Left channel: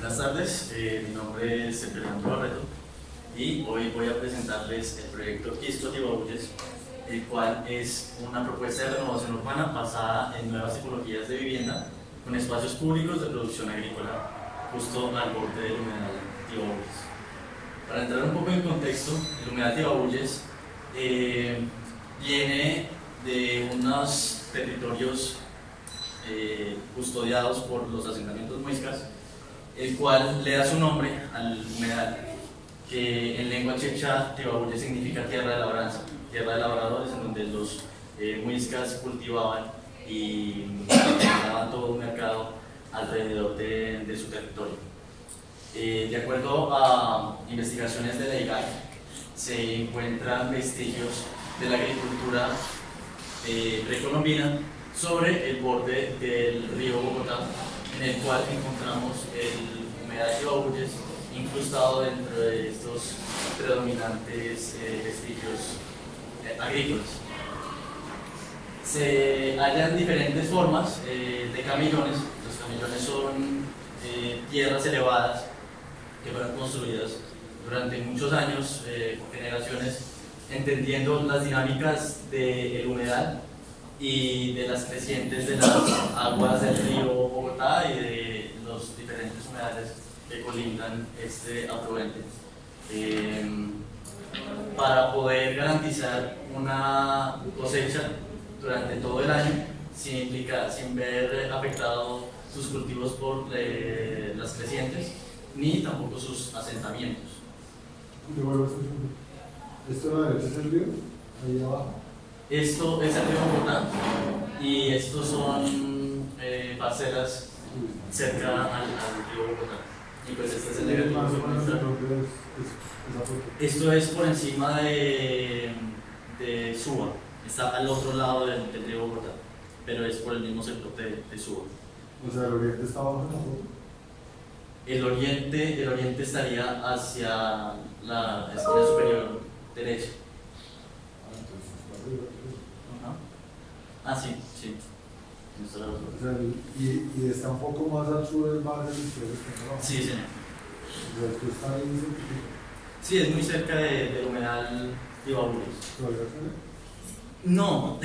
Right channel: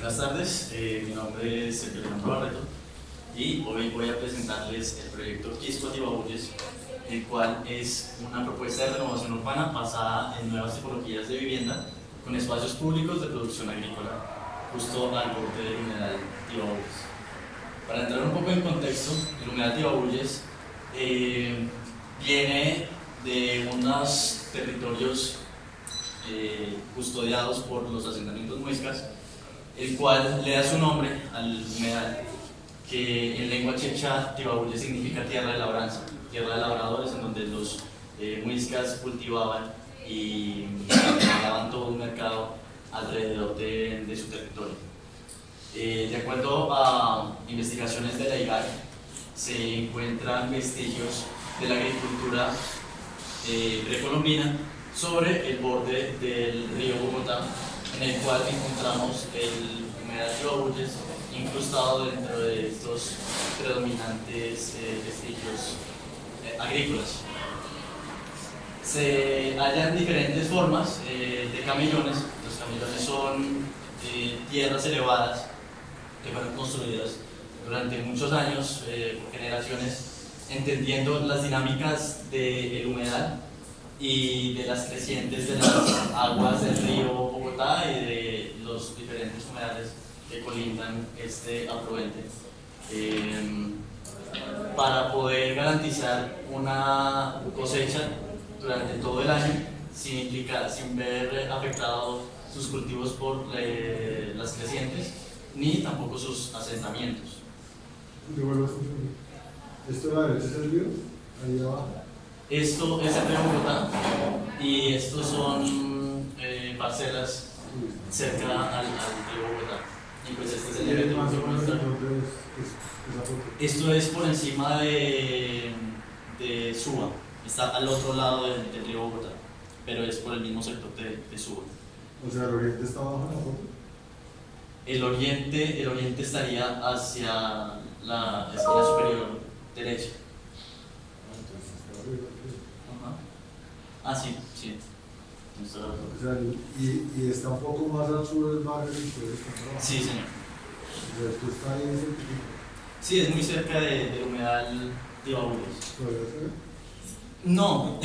Buenas tardes, mi nombre es Sergio Leandro Barreto y hoy voy a presentarles el proyecto Quisco Tibabuyes, el cual es una propuesta de renovación urbana basada en nuevas tipologías de vivienda con espacios públicos de producción agrícola justo al borde del humedal Tibabuyes. Para entrar un poco en contexto, el humedal Tibabuyes viene de unos territorios custodiados por los asentamientos muiscas, el cual le da su nombre al humedal, que en lengua chepcha Tibabuyes significa tierra de labranza, tierra de labradores, en donde los muiscas cultivaban y daban todo un mercado alrededor de su territorio. De acuerdo a investigaciones de la IGAI, se encuentran vestigios de la agricultura precolombina sobre el borde del río Bogotá, en el cual encontramos el humedal Tibabuyes incrustado dentro de estos predominantes vestigios agrícolas. Se hallan diferentes formas de camellones. Los camellones son tierras elevadas que fueron construidas durante muchos años, por generaciones, entendiendo las dinámicas del humedal y de las crecientes de las aguas del río Bogotá y de los diferentes humedales que colindan este afluente, para poder garantizar una cosecha durante todo el año sin ver afectados sus cultivos por las crecientes ni tampoco sus asentamientos. ¿Esto a la derecha es el río? Ahí abajo. Esto es el río Bogotá y estos son parcelas cerca al río Bogotá. Y pues este es el río Bogotá. Esto es por encima de Suba, está al otro lado del río Bogotá, pero es por el mismo sector de Suba. O sea, el oriente está abajo en la foto. El oriente estaría hacia la esquina superior derecha. Ah, sí, sí. O sea, y está un poco más al sur del barrio que ustedes están trabajando. Sí, señor. O sea, esto está ahí cerquita. Sí, es muy cerca del humedal Tibabuyes. ¿Todavía se ve? No,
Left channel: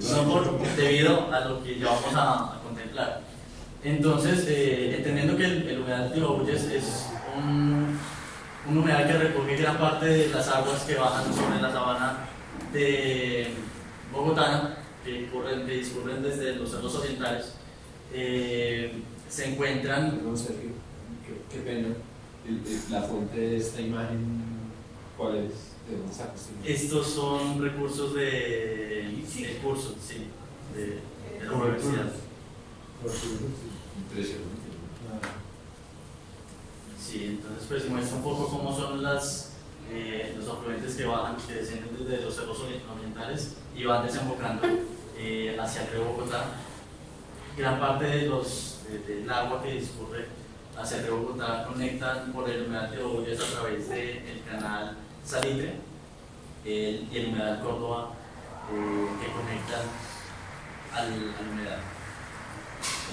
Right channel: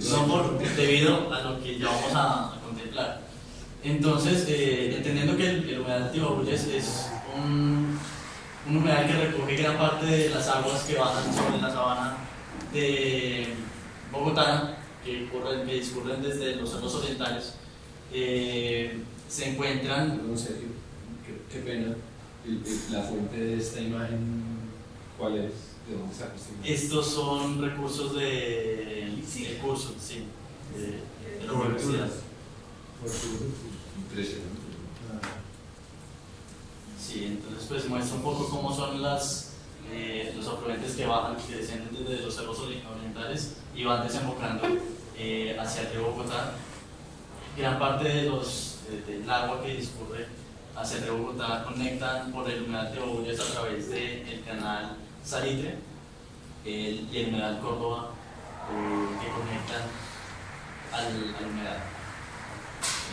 no debido a lo que ya vamos a contemplar. Entonces, entendiendo que el humedal Tibabuyes es un humedal que recoge gran parte de las aguas que bajan sobre la sabana de Bogotá, que discurren desde los cerros orientales, se encuentran... No, Sergio, qué pena. La fuente de esta imagen, ¿cuál es? ¿De dónde sacas esta imagen? Estos son recursos de curso, sí, de la universidad. Impresionante. Sí, entonces pues muestra un poco cómo son los afluentes que bajan, que descienden desde los cerros orientales y van desembocando hacia el río Bogotá. Gran parte del agua que discurre hacia el río Bogotá conectan por el humedal Tibabuyes a través del canal Salitre y el humedal Córdoba, que conectan al humedal.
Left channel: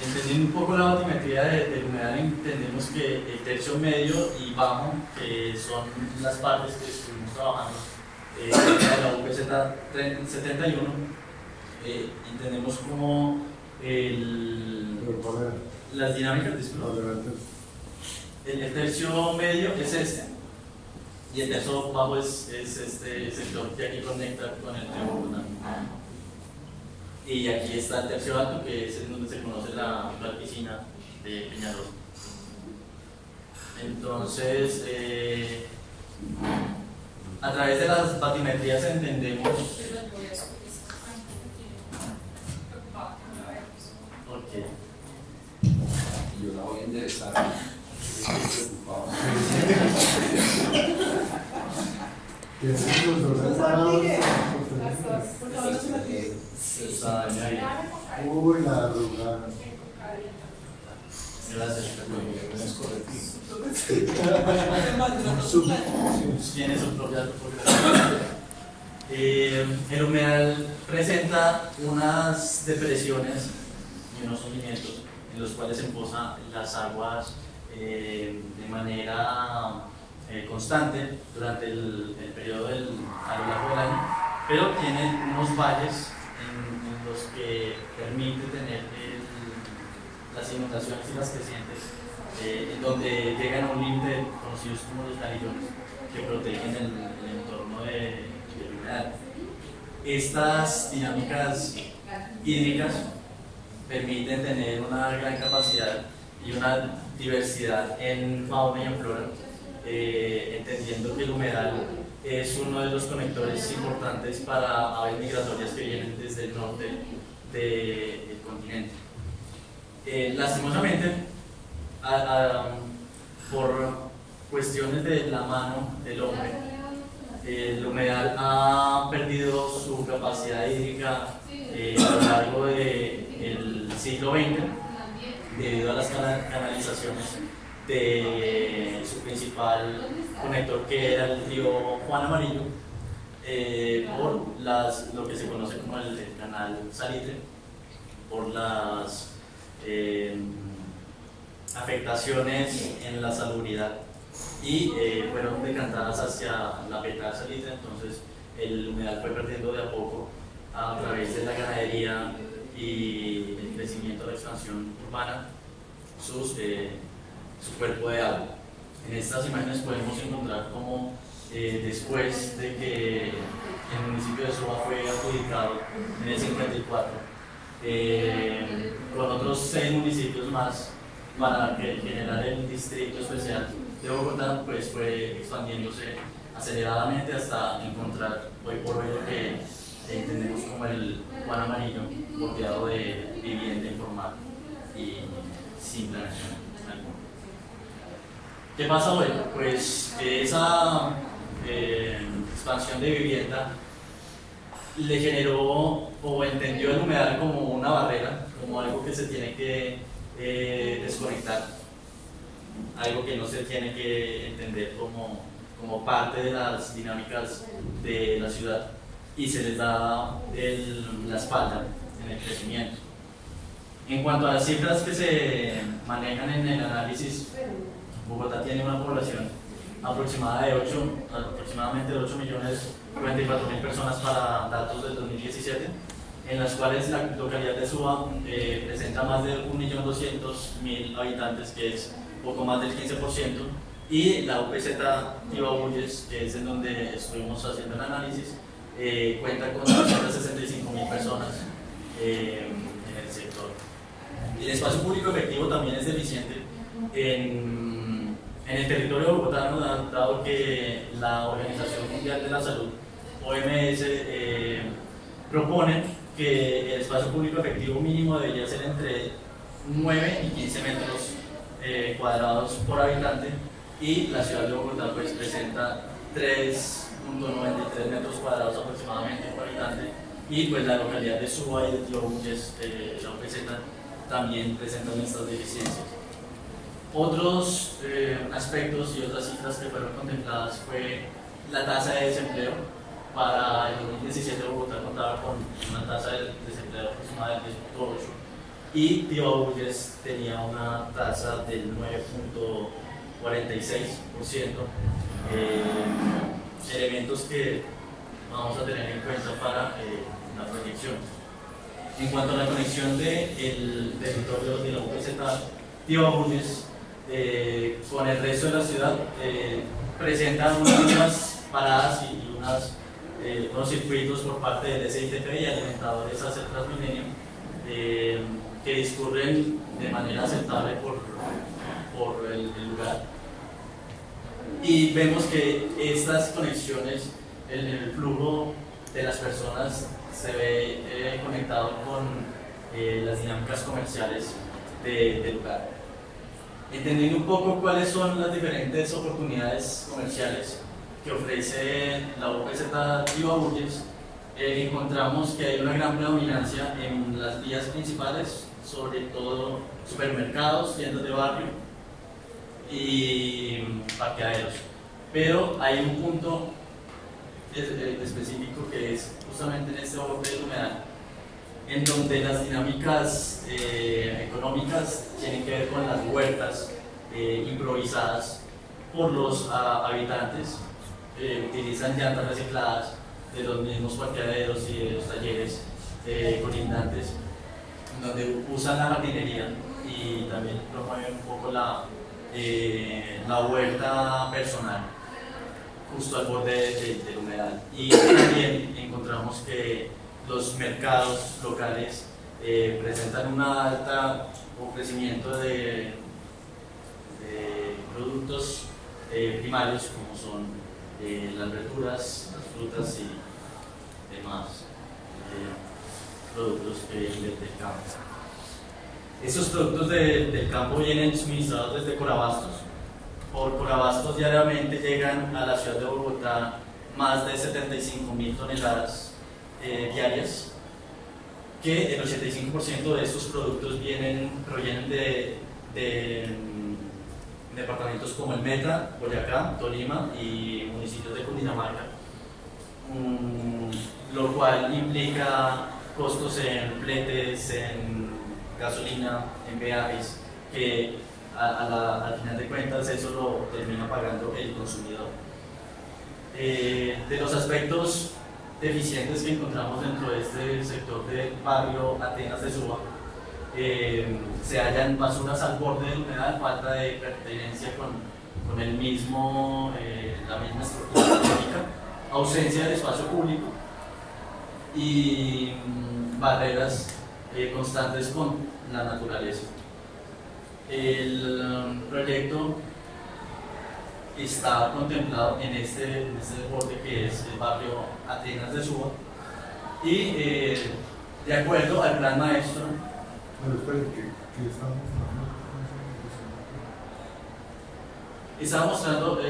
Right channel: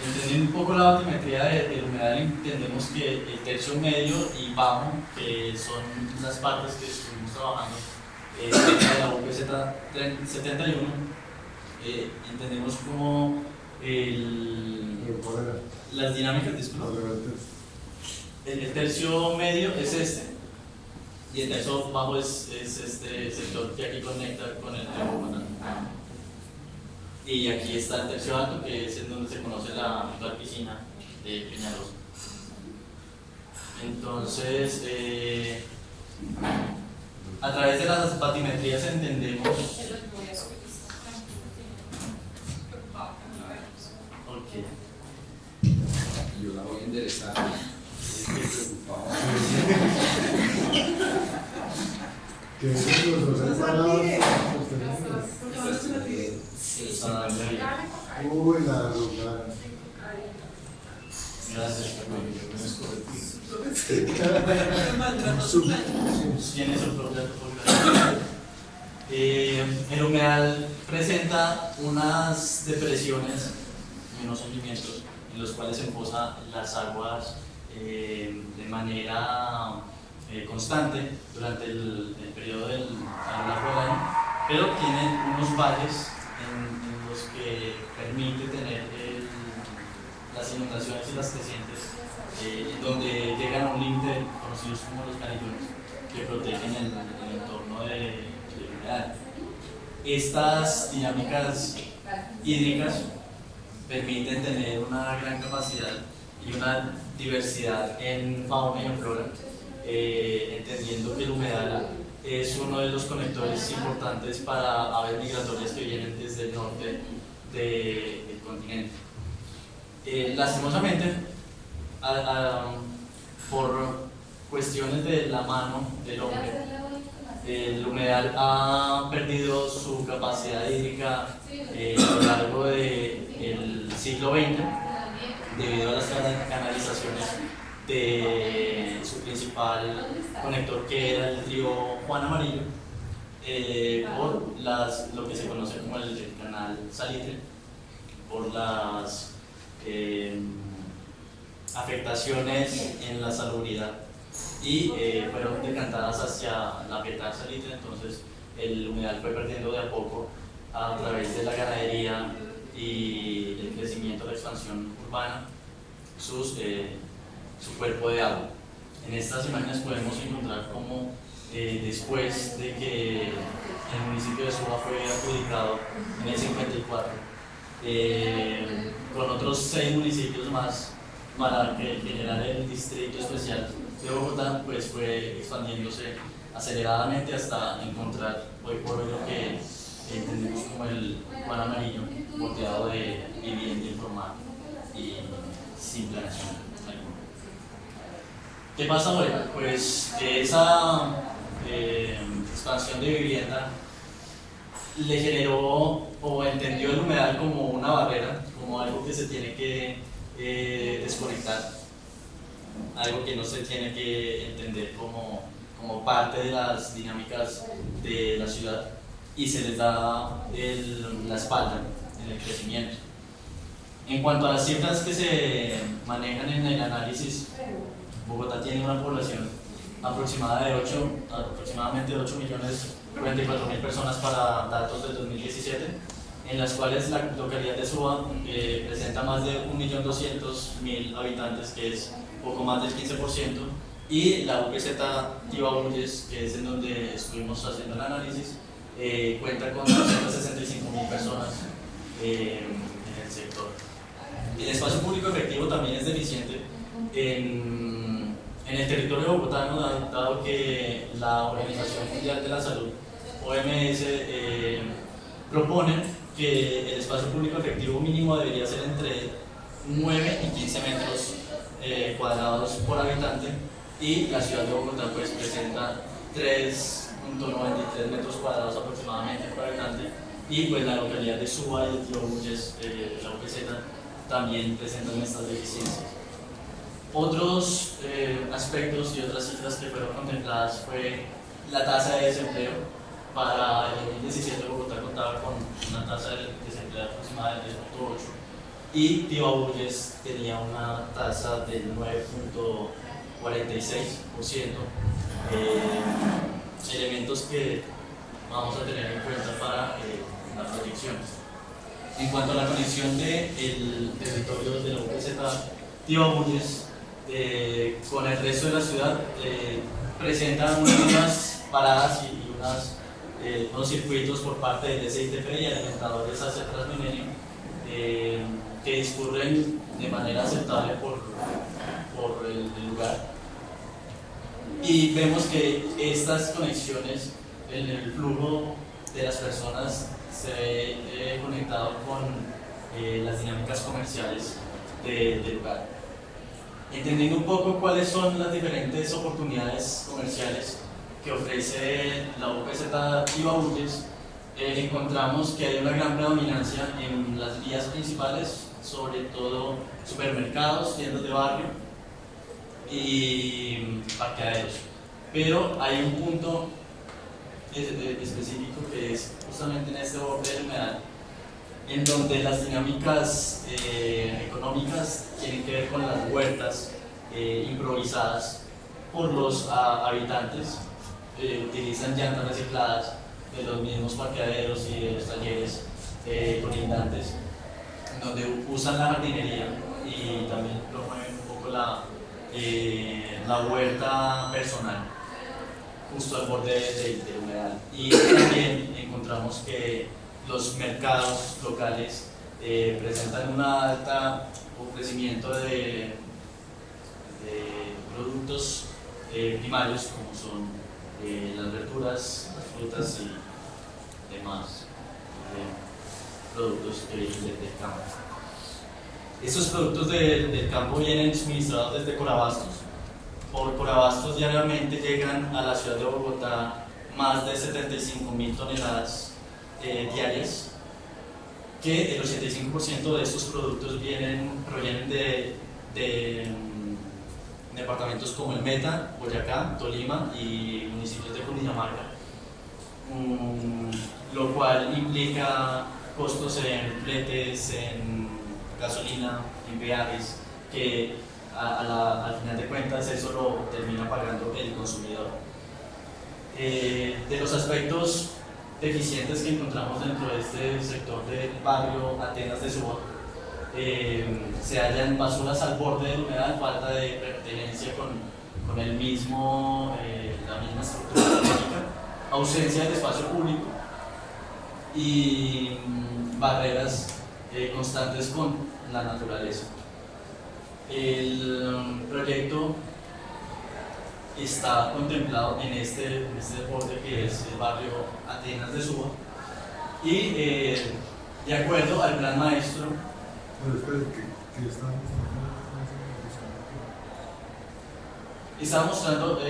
Entendiendo un poco la batimetría del humedal, entendemos que el tercio medio y bajo, que son las partes que estuvimos trabajando cerca de la UP 71, entendemos como las dinámicas, disculpa. El tercio medio es este, y el tercio bajo es este sector que aquí conecta con el río Bogotá. Y aquí está el tercio alto, que es en donde se conoce la actual piscina de Peñalosa. Entonces, a través de las batimetrías entendemos... Ok. Yo la voy a enderezar. Que los dos separados. Uy, la arrugada. Gracias, tiene su propia topografía. El humedal presenta unas depresiones, unos hundimientos, en los cuales se emposan las aguas de manera constante durante el periodo a lo largo del año, pero tiene unos valles en los que permite tener las inundaciones y las crecientes, donde llegan a un límite conocidos como los canillones, que protegen el entorno del humedal. Estas dinámicas hídricas permiten tener una gran capacidad y una diversidad en fauna y en flora, entendiendo que el humedal es uno de los conectores importantes para aves migratorias que vienen desde el norte del continente. Lastimosamente, por cuestiones de la mano del hombre, el humedal ha perdido su capacidad hídrica a lo largo del siglo XX debido a las canalizaciones de su principal conector, que era el río Juan Amarillo, por lo que se conoce como el canal Salitre, por las afectaciones en la salubridad, y fueron decantadas hacia la petada Salitre. Entonces el humedal fue perdiendo de a poco a través de la ganadería y el crecimiento, la expansión urbana, su cuerpo de agua. En estas imágenes podemos encontrar cómo después de que el municipio de Suba fue adjudicado en el 54, con otros 6 municipios más para generar el distrito especial de Bogotá, pues fue expandiéndose aceleradamente hasta encontrar hoy por hoy lo que entendemos como el Juan Amarillo, bordeado de vivienda informal y sin planeación alguna. ¿Qué pasa hoy? Pues esa expansión de vivienda le generó o entendió el humedal como una barrera, como algo que se tiene que desconectar, algo que no se tiene que entender como parte de las dinámicas de la ciudad, y se les da la espalda en el crecimiento. En cuanto a las cifras que se manejan en el análisis, Bogotá tiene una población aproximadamente de 8.044.000 personas para datos del 2017, en las cuales la localidad de Suba presenta más de 1.200.000 habitantes, que es poco más del 15%, y la UPZ Tibabuyes, que es en donde estuvimos haciendo el análisis, cuenta con 265.000 personas en el sector. El espacio público efectivo también es deficiente en el territorio bogotano, dado que la Organización Mundial de la Salud, OMS, propone que el espacio público efectivo mínimo debería ser entre 9 y 15 metros cuadrados por habitante, y la ciudad de Bogotá pues presenta 3.93 metros cuadrados aproximadamente por habitante, y pues la localidad de Suba y de Tibabuyes, la UPZ, también presentan estas deficiencias. Otros aspectos y otras cifras que fueron contempladas fue la tasa de desempleo. Para el 2017 Bogotá contaba con una tasa de desempleo aproximada del 3.8, y Tibabuyes tenía una tasa del 9.46%, elementos que vamos a tener en cuenta para la proyección. En cuanto a la conexión del territorio de la UPZ Tibabuyes con el resto de la ciudad, presentan unas paradas y unos circuitos por parte del SITP y alimentadores hacia Transmilenio, que discurren de manera aceptable por el lugar, y vemos que estas conexiones, el flujo de las personas se ve conectado con las dinámicas comerciales del lugar. Entendiendo un poco cuáles son las diferentes oportunidades comerciales que ofrece la UPZ Tibabuyes, encontramos que hay una gran predominancia en las vías principales, sobre todo supermercados, tiendas de barrio y parqueaderos. Pero hay un punto específico que es justamente en este borde del humedal, en donde las dinámicas económicas tienen que ver con las huertas improvisadas por los habitantes. Utilizan llantas recicladas de los mismos parqueaderos y de los talleres colindantes, donde usan la jardinería y también promueven un poco la huerta personal justo al borde del humedal. Y también encontramos que los mercados locales presentan un alto ofrecimiento de productos primarios, como son las verduras, las frutas y demás productos que vienen del campo. Estos productos del campo vienen suministrados desde Corabastos. Por Corabastos diariamente llegan a la ciudad de Bogotá más de 75.000 toneladas diarias, que el 85% de estos productos provienen de departamentos como el Meta, Boyacá, Tolima y municipios de Cundinamarca, lo cual implica costos en fletes, en gasolina, en peajes, que al final de cuentas eso lo termina pagando el consumidor. De los aspectos deficientes que encontramos dentro de este sector del barrio Atenas de Suba, se hallan basuras al borde del humedal, falta de pertenencia con la misma estructura técnica, ausencia del espacio público y barreras constantes con la naturaleza. El proyecto está contemplado en este borde que es el barrio Atenas de Suba y de acuerdo al plan maestro. Pero espere, ¿qué está mostrando? Estaba mostrando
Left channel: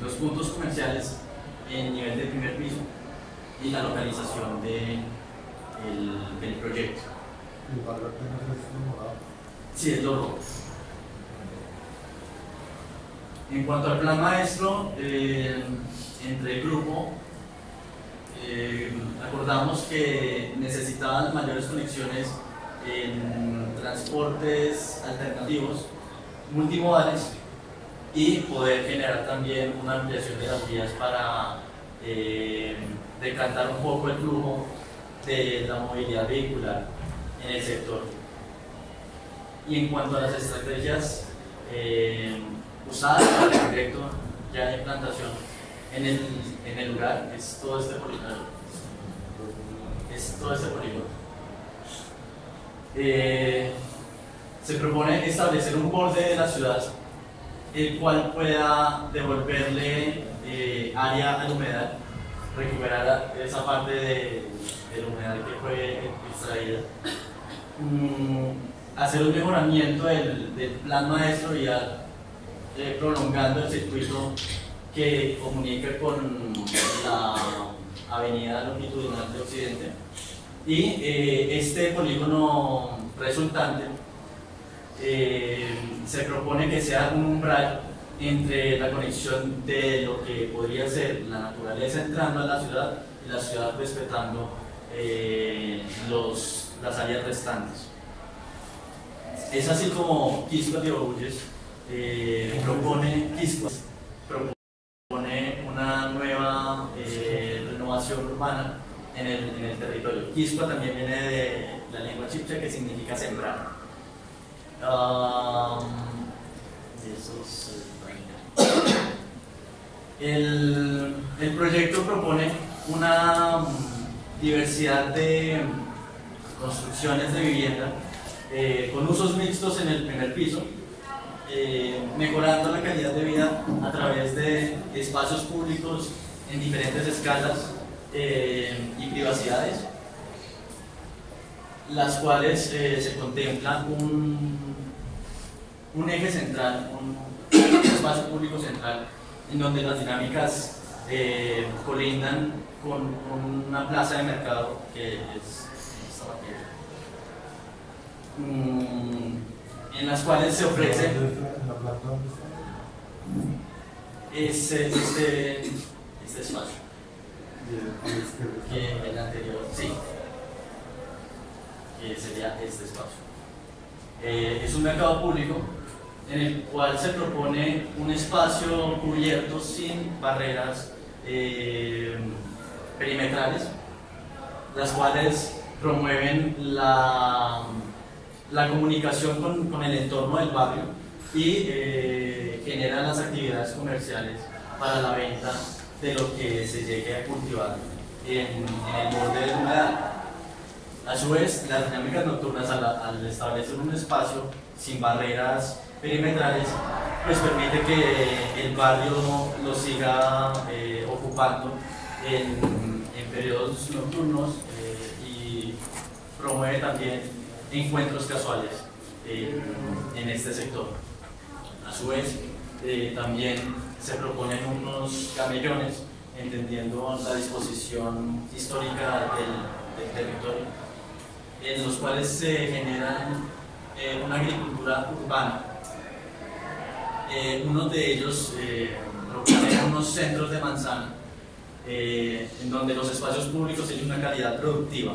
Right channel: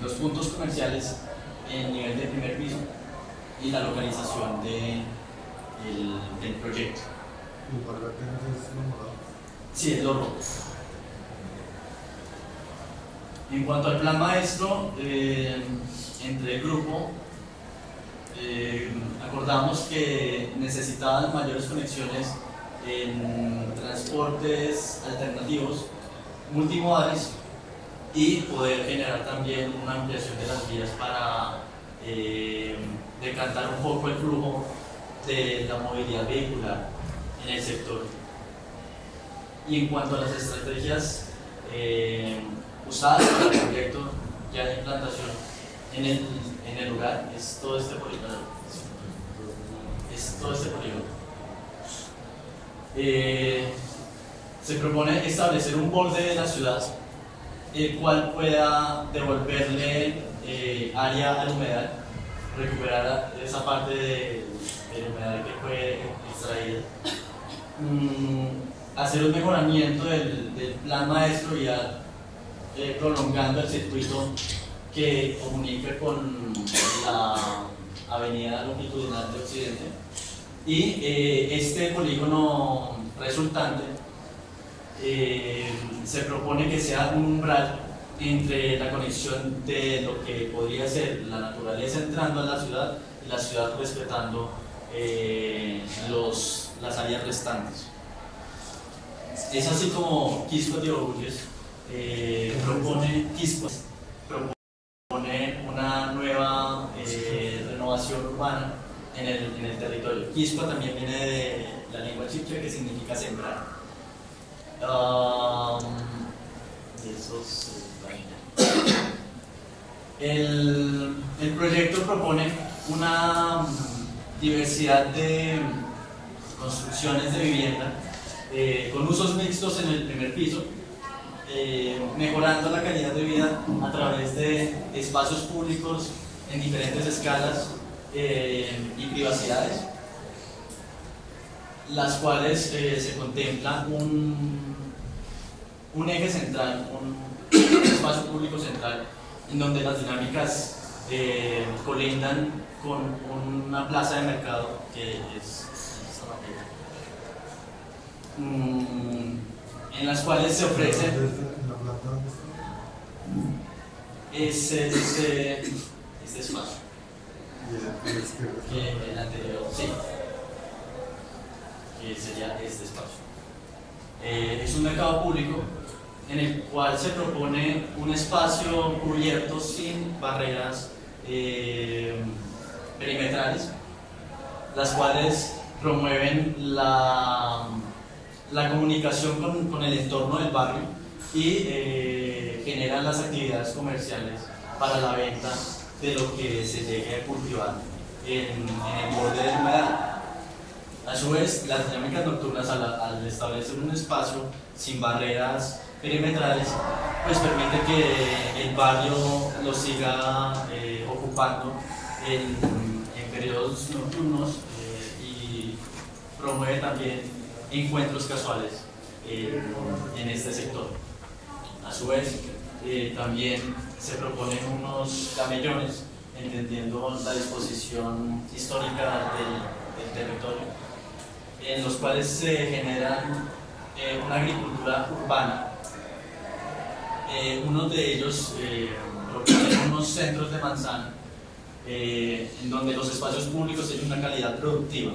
los puntos comerciales en nivel de primer piso y la localización del proyecto. ¿El barrio Atenas es lo morado? Sí, es lo rojo. En cuanto al plan maestro, entre el grupo acordamos que necesitaban mayores conexiones en transportes alternativos, multimodales, y poder generar también una ampliación de las vías para decantar un poco el flujo de la movilidad vehicular en el sector. Y en cuanto a las estrategias usadas para el proyecto ya de implantación en el lugar, es todo este polígono. Se propone establecer un borde de la ciudad el cual pueda devolverle área al humedal, recuperar esa parte del humedal que fue extraída, hacer un mejoramiento del plan maestro y prolongando el circuito que comunica con la avenida longitudinal de Occidente, y este polígono resultante se propone que sea un umbral entre la conexión de lo que podría ser la naturaleza entrando a la ciudad y la ciudad respetando las áreas restantes. Es así como Quisco de Orgullos propone una nueva renovación urbana en el territorio. Quispa también viene de la lengua chipcha, que significa sembrar. El proyecto propone una diversidad de construcciones de vivienda con usos mixtos en el primer piso, mejorando la calidad de vida a través de espacios públicos en diferentes escalas y privacidades, las cuales se contempla un eje central, un espacio público central, en donde las dinámicas colindan con una plaza de mercado que es esta materia, en las cuales se ofrece ¿En la planta dónde está? este espacio. Y el izquierdo está Que el anterior, sí, que sería este espacio. Es un mercado público en el cual se propone un espacio cubierto sin barreras perimetrales, las cuales promueven la comunicación con el entorno del barrio y generan las actividades comerciales para la venta de lo que se llegue a cultivar en el borde del humedal. A su vez, las dinámicas nocturnas, al establecer un espacio sin barreras perimetrales, pues permite que el barrio lo siga ocupando en periodos nocturnos y promueve también encuentros casuales en este sector. A su vez, también se proponen unos camellones, entendiendo la disposición histórica del territorio, en los cuales se generan una agricultura urbana. Uno de ellos propone unos centros de manzana, en donde los espacios públicos tienen una calidad productiva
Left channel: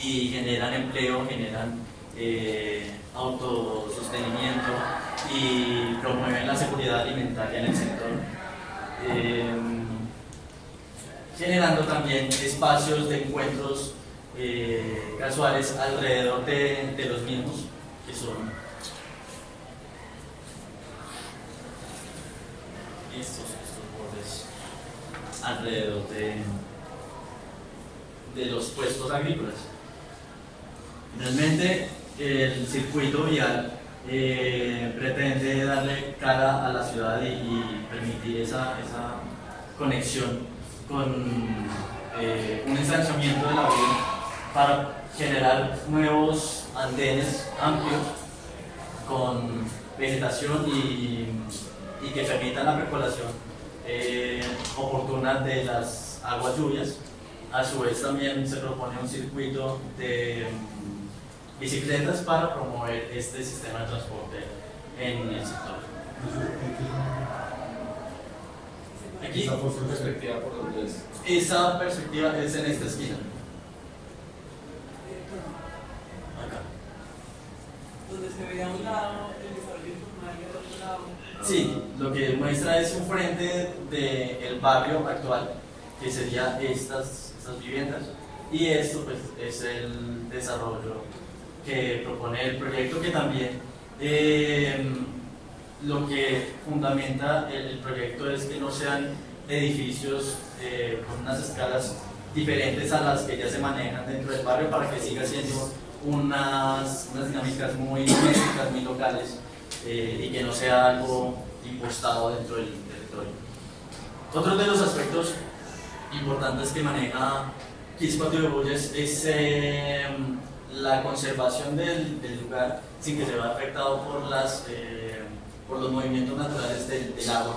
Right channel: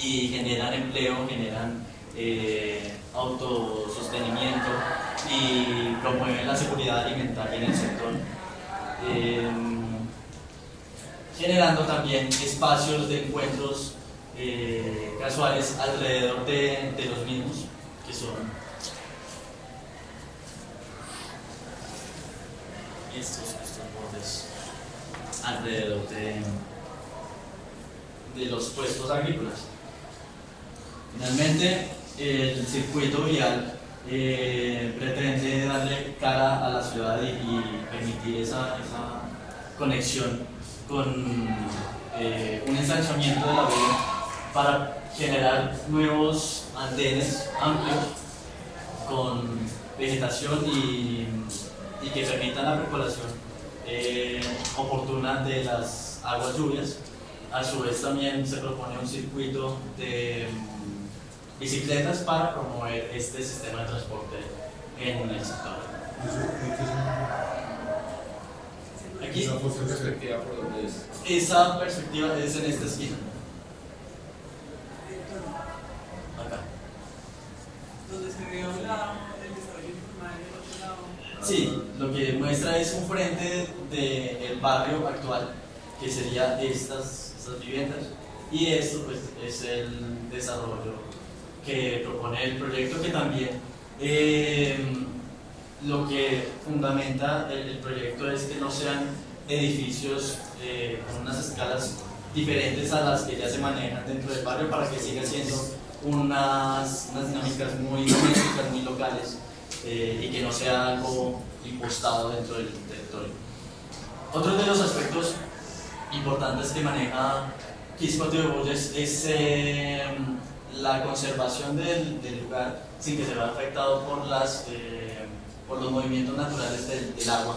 y generan empleo, generan autosostenimiento y promueven la seguridad alimentaria en el sector, generando también espacios de encuentros casuales alrededor de los mismos, que son estos bordes alrededor de los puestos agrícolas. Finalmente, el circuito vial pretende darle cara a la ciudad y permitir esa conexión con un ensanchamiento de la vía para generar nuevos andenes amplios con vegetación y que permitan la percolación oportuna de las aguas lluvias. A su vez también se propone un circuito de bicicletas para promover este sistema de transporte en el sector. Aquí, ¿Esa perspectiva por dónde es? esa perspectiva es en esta esquina. Acá. Donde se ve a un lado el desarrollo informal y al otro lado. Sí, lo que muestra es un frente del barrio actual, que sería estas viviendas, y esto pues es el desarrollo que propone el proyecto, que también lo que fundamenta el proyecto es que no sean edificios con unas escalas diferentes a las que ya se manejan dentro del barrio, para que siga siendo unas dinámicas muy domésticas, muy locales, y que no sea algo impostado dentro del territorio. Otro de los aspectos importantes que maneja Quisqueya de Bulles es la conservación del lugar sin que se vea afectado por los movimientos naturales del agua.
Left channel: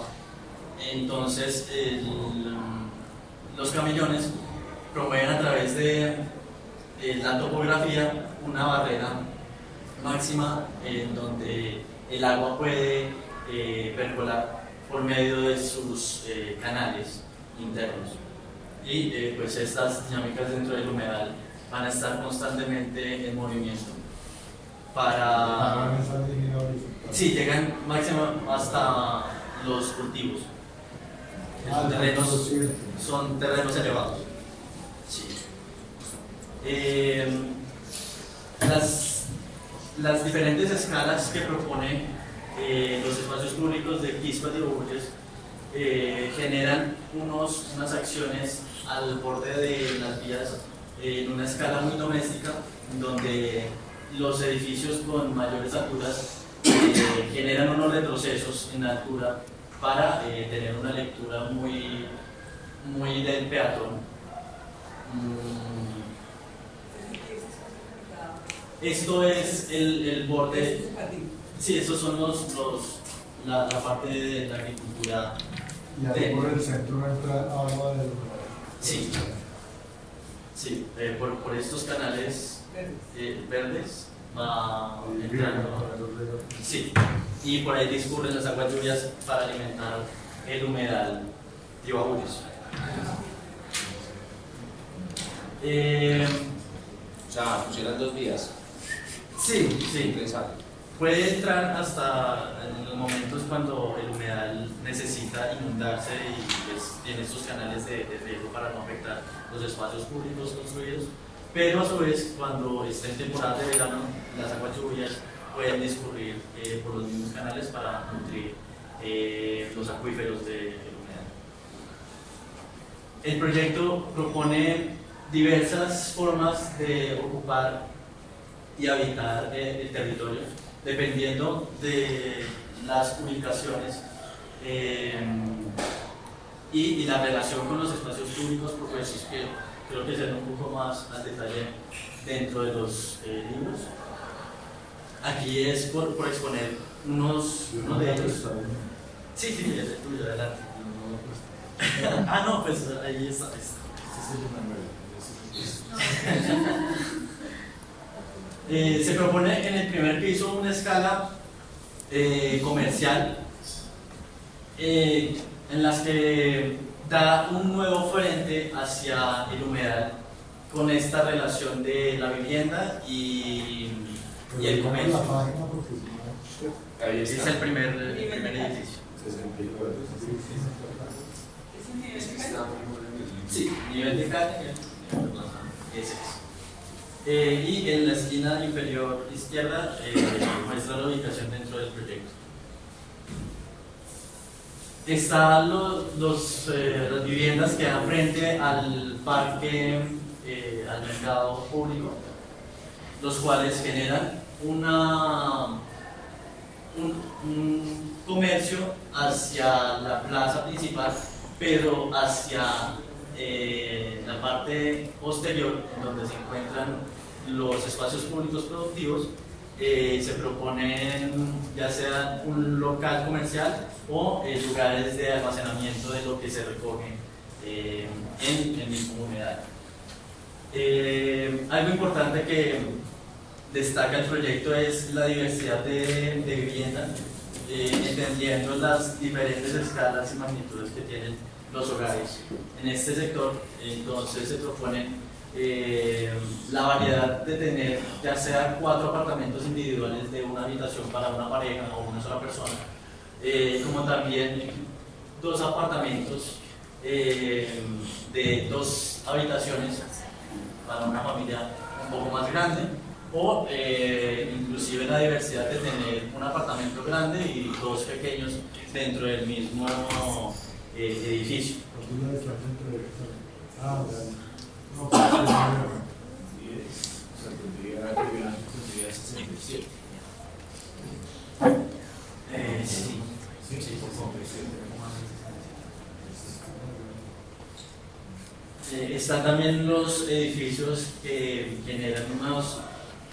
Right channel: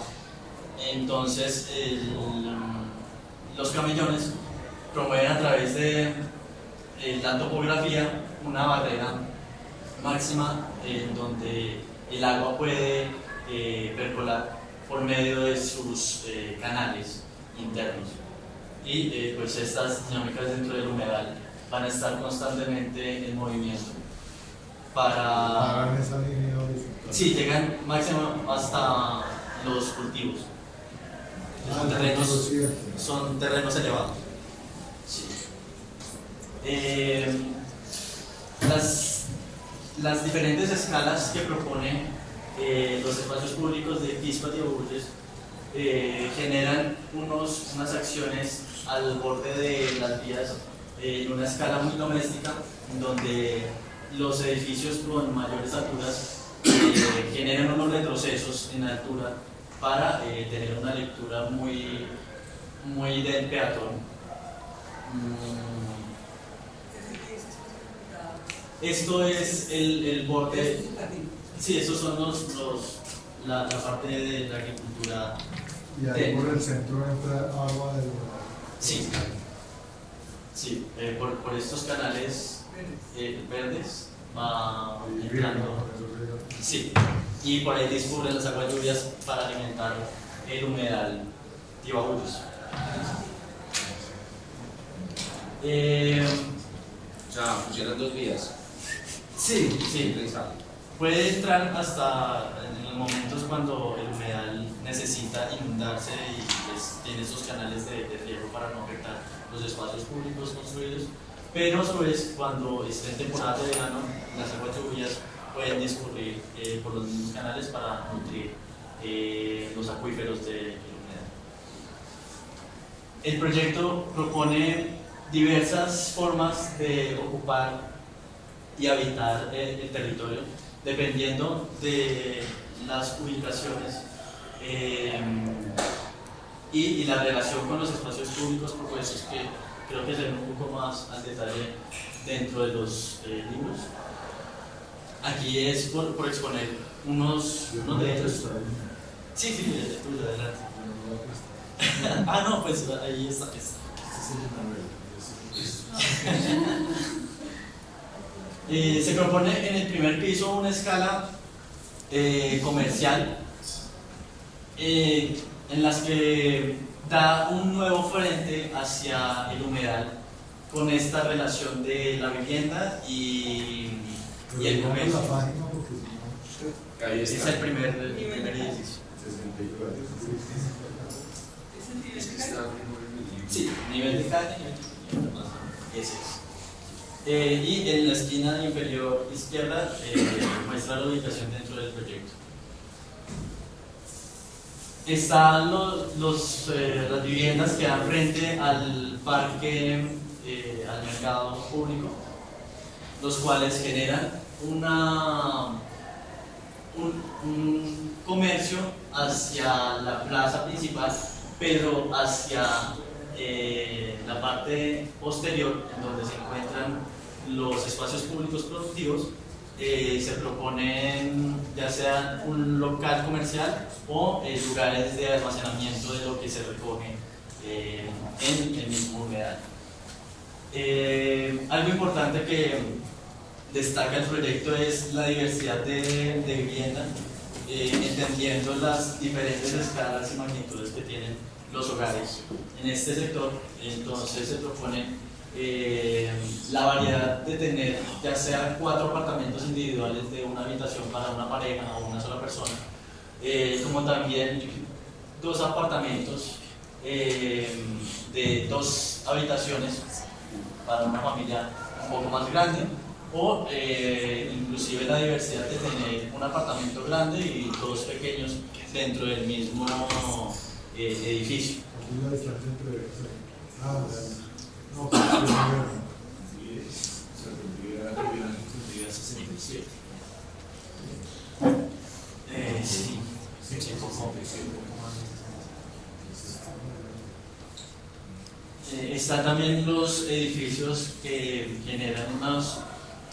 Entonces, los camellones promueven a través de la topografía una barrera máxima en donde el agua puede percolar por medio de sus canales internos. Y pues estas dinámicas dentro del humedal van a estar constantemente en movimiento para... esa línea horizontal. Sí, llegan máximo hasta los cultivos. Son terrenos elevados. Sí. Las diferentes escalas que propone los espacios públicos de Quisqueya de Bulles generan unas acciones al borde de las vías en una escala muy doméstica, donde los edificios con mayores alturas generan unos retrocesos en altura para tener una lectura muy del peatón. Esto es el borde. Sí, esos son la parte de la agricultura. Y ahí por el centro entra agua del humedal. Sí, sí, por estos canales verdes va entrando. Sí, y por ahí discurren las aguas lluvias para alimentar el humedal de Bulles. O sea, funcionan dos vías. Sí, sí. le sale. Puede entrar hasta en los momentos cuando el humedal necesita inundarse y pues, tiene esos canales de riego para no afectar los espacios públicos construidos, pero a su vez cuando está en temporada de verano las aguas lluvias pueden discurrir por los mismos canales para nutrir los acuíferos del humedal. El proyecto propone diversas formas de ocupar y habitar el territorio dependiendo de las ubicaciones y la relación con los espacios públicos propuestos, que creo que se ven un poco más al detalle dentro de los libros. Aquí es por exponer unos de ellos. Sí, sí, el tuyo, adelante. Ah, no, pues ahí está. Se propone en el primer piso una escala comercial en las que da un nuevo frente hacia el humedal con esta relación de la vivienda y el comercio. Ahí Es está. el primer edificio. 69. ¿Es el nivel de calle? Sí, nivel de calle. Ese es. Y en la esquina inferior izquierda muestra la ubicación dentro del proyecto. Están las viviendas que dan frente al parque, al mercado público, los cuales generan un comercio hacia la plaza principal, pero hacia la parte posterior, en donde se encuentran los espacios públicos productivos, se proponen ya sea un local comercial o lugares de almacenamiento de lo que se recoge en el mismo humedal. Algo importante que destaca el proyecto es la diversidad de viviendas, entendiendo las diferentes escalas y magnitudes que tienen los hogares. En este sector, entonces, se propone la variedad de tener ya sea 4 apartamentos individuales de una habitación para una pareja o una sola persona, como también 2 apartamentos de 2 habitaciones para una familia un poco más grande, o inclusive la diversidad de tener un apartamento grande y 2 pequeños dentro del mismo edificio. No, pues, Sí, sí, poco más. Están también los edificios que generan unos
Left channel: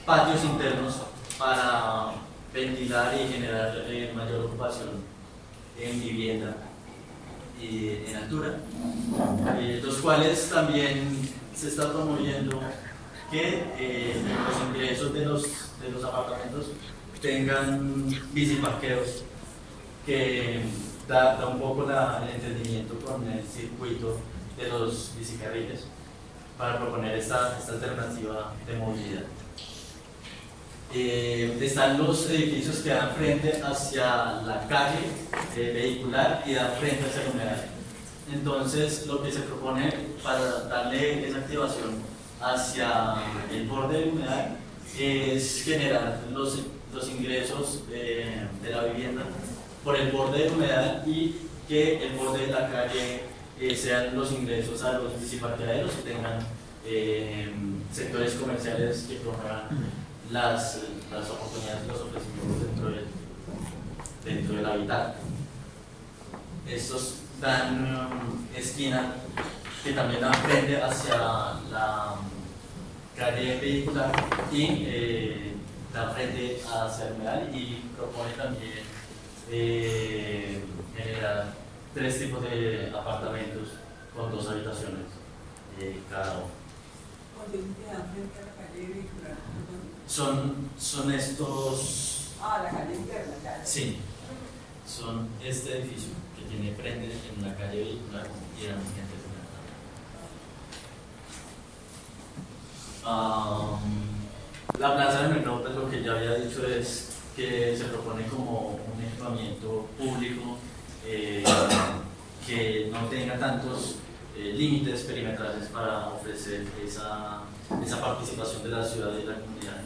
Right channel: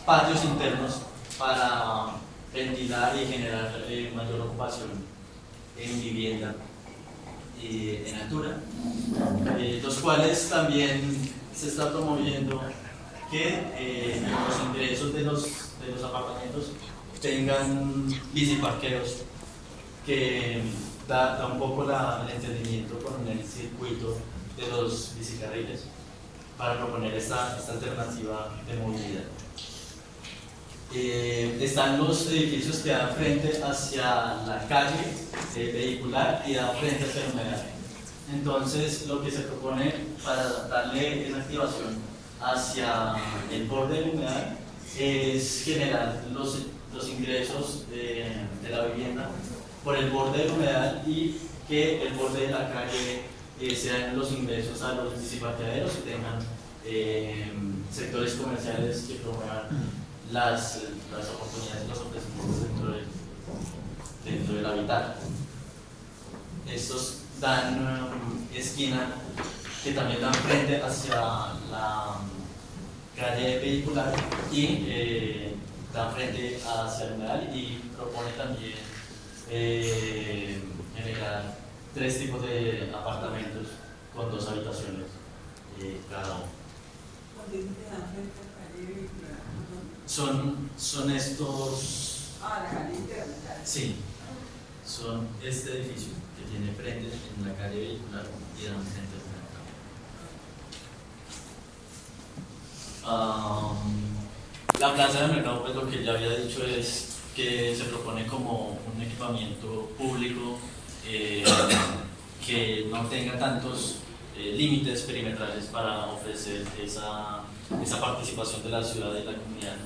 patios internos para ventilar y generar mayor ocupación en vivienda y en altura, los cuales también se está promoviendo que los ingresos de los apartamentos tengan biciparqueos, que da un poco el entendimiento con el circuito de los bicicarriles para proponer esta alternativa de movilidad. Están los edificios que dan frente hacia la calle vehicular y dan frente hacia el humedal. Entonces, lo que se propone para darle esa activación hacia el borde del humedal es generar los ingresos de la vivienda por el borde del humedal y que el borde de la calle sean los ingresos a los biciparqueaderos y tengan sectores comerciales que promuevan las oportunidades y los ofrecimientos dentro del habitat. Estos dan esquina que también dan frente hacia la calle vehicular y dan frente hacia el humedal, y propone también generar 3 tipos de apartamentos con 2 habitaciones cada uno. Cuando dice que dan frente a la calle vehicular, Son estos. la calle interna, ya. Sí, son este edificio que tiene frente en la calle vehicular y dan frente La plaza de mercado, pues lo que ya había dicho es que se propone como un equipamiento público que no tenga tantos límites perimetrales para ofrecer esa participación de la ciudad y la comunidad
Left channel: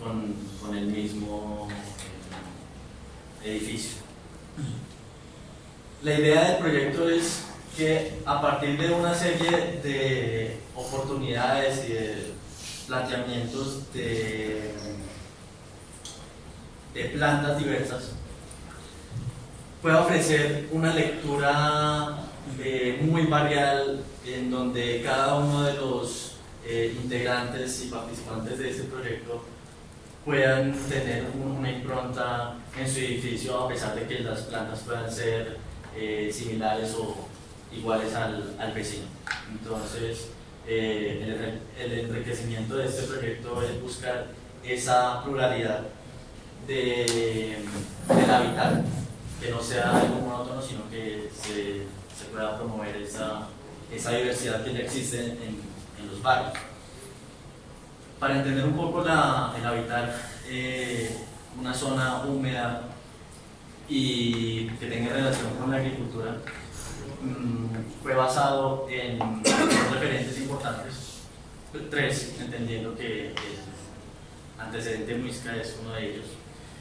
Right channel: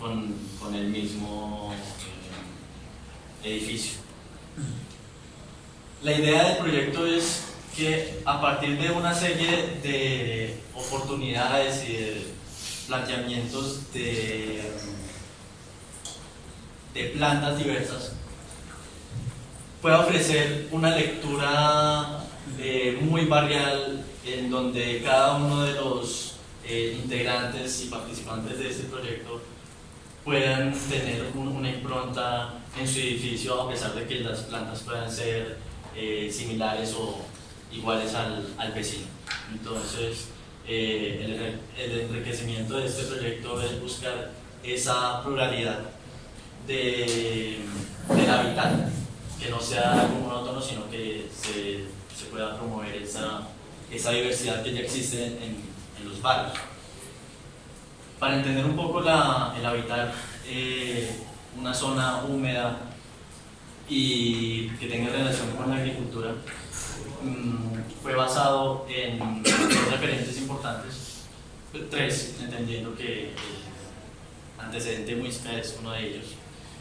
con el mismo edificio. La idea del proyecto es que a partir de una serie de oportunidades y de planteamientos de plantas diversas pueda ofrecer una lectura muy varial en donde cada uno de los integrantes y participantes de ese proyecto puedan tener una impronta en su edificio, a pesar de que las plantas puedan ser similares o iguales al vecino. Entonces, el enriquecimiento de este proyecto es buscar esa pluralidad del hábitat, que no sea algo monótono, sino que se pueda promover esa diversidad que ya existe en los barrios. Para entender un poco el habitar una zona húmeda y que tenga relación con la agricultura, fue basado en dos referentes importantes, tres, entendiendo que el antecedente Muisca es uno de ellos.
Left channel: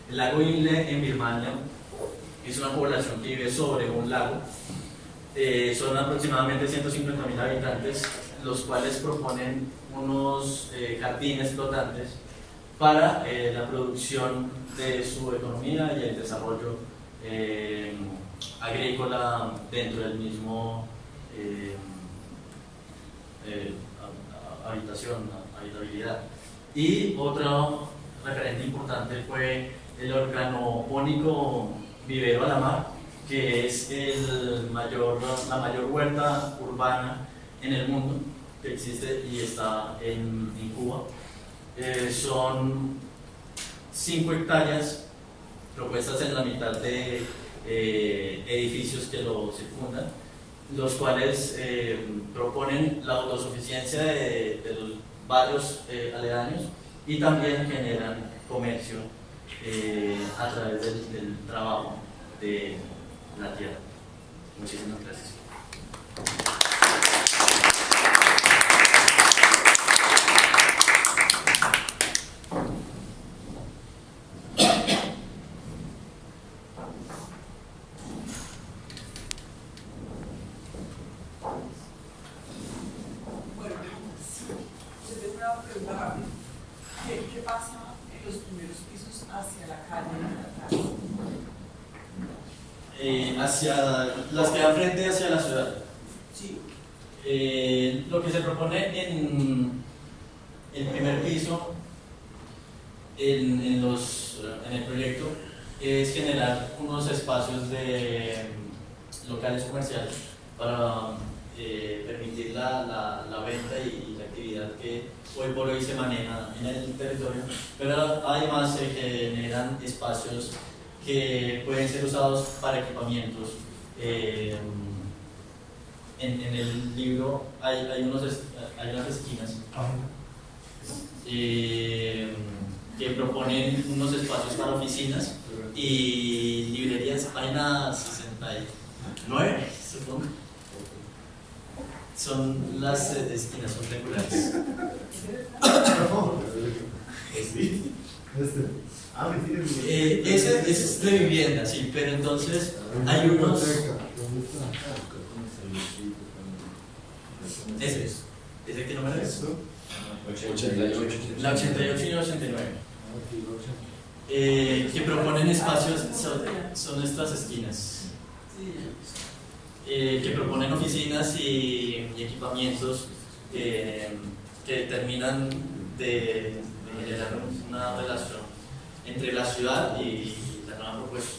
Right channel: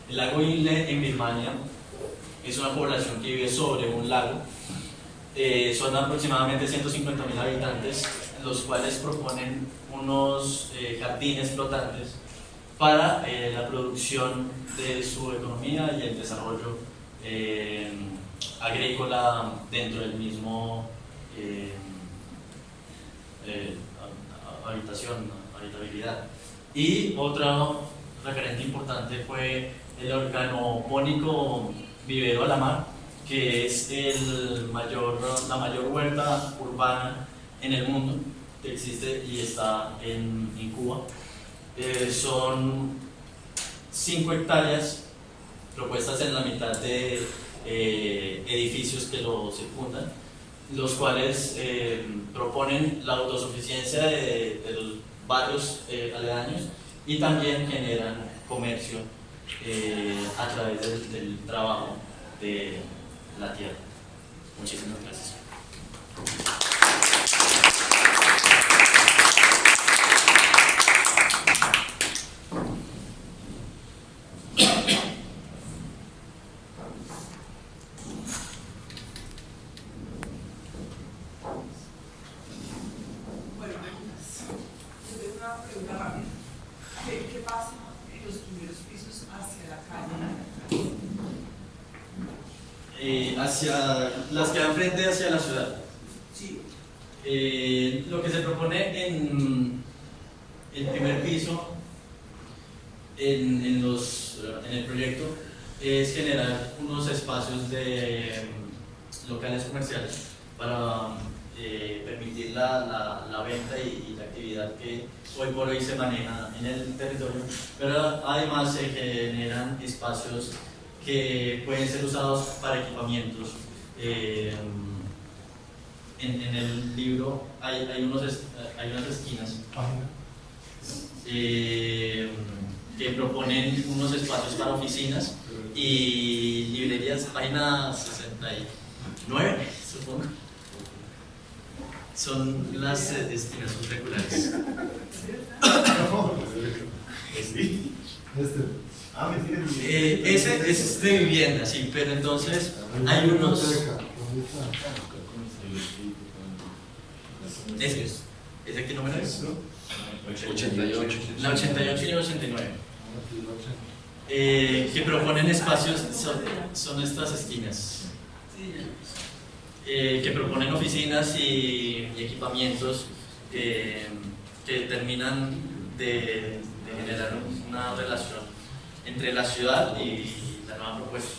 El lago Inle en Birmania es una población que vive sobre un lago. Son aproximadamente 150.000 habitantes, los cuales proponen unos jardines flotantes para la producción de su economía y el desarrollo agrícola dentro del mismo habitabilidad. Y otro referente importante fue el organopónico vivero a la mar, que es la mayor huerta urbana en el mundo que existe y está en Cuba. Son 5 hectáreas propuestas en la mitad de edificios que lo circundan, los cuales proponen la autosuficiencia de los barrios aledaños y también generan comercio a través del trabajo de la tierra. Muchísimas gracias. Bueno, yo tengo una pregunta rápida. ¿Qué pasa en los primeros pisos hacia la calle? Hacia las que dan frente hacia la ciudad. Sí. Lo que se propone en el primer piso, en el proyecto, es generar unos espacios de locales comerciales para permitir la venta y la actividad que hoy por hoy se maneja en el territorio, pero además se generan espacios que pueden ser usados para equipamientos. En el libro hay unas esquinas que proponen unos espacios para oficinas y librerías, página 69, supongo. Son las esquinas, son regulares. Ese es de vivienda, sí, pero entonces hay unos. Ese es. ¿Ese qué número es? 88. La 88 y la 89. Que proponen espacios, son estas esquinas. Que proponen oficinas y equipamientos que terminan de generar una relación entre la ciudad y la nueva propuesta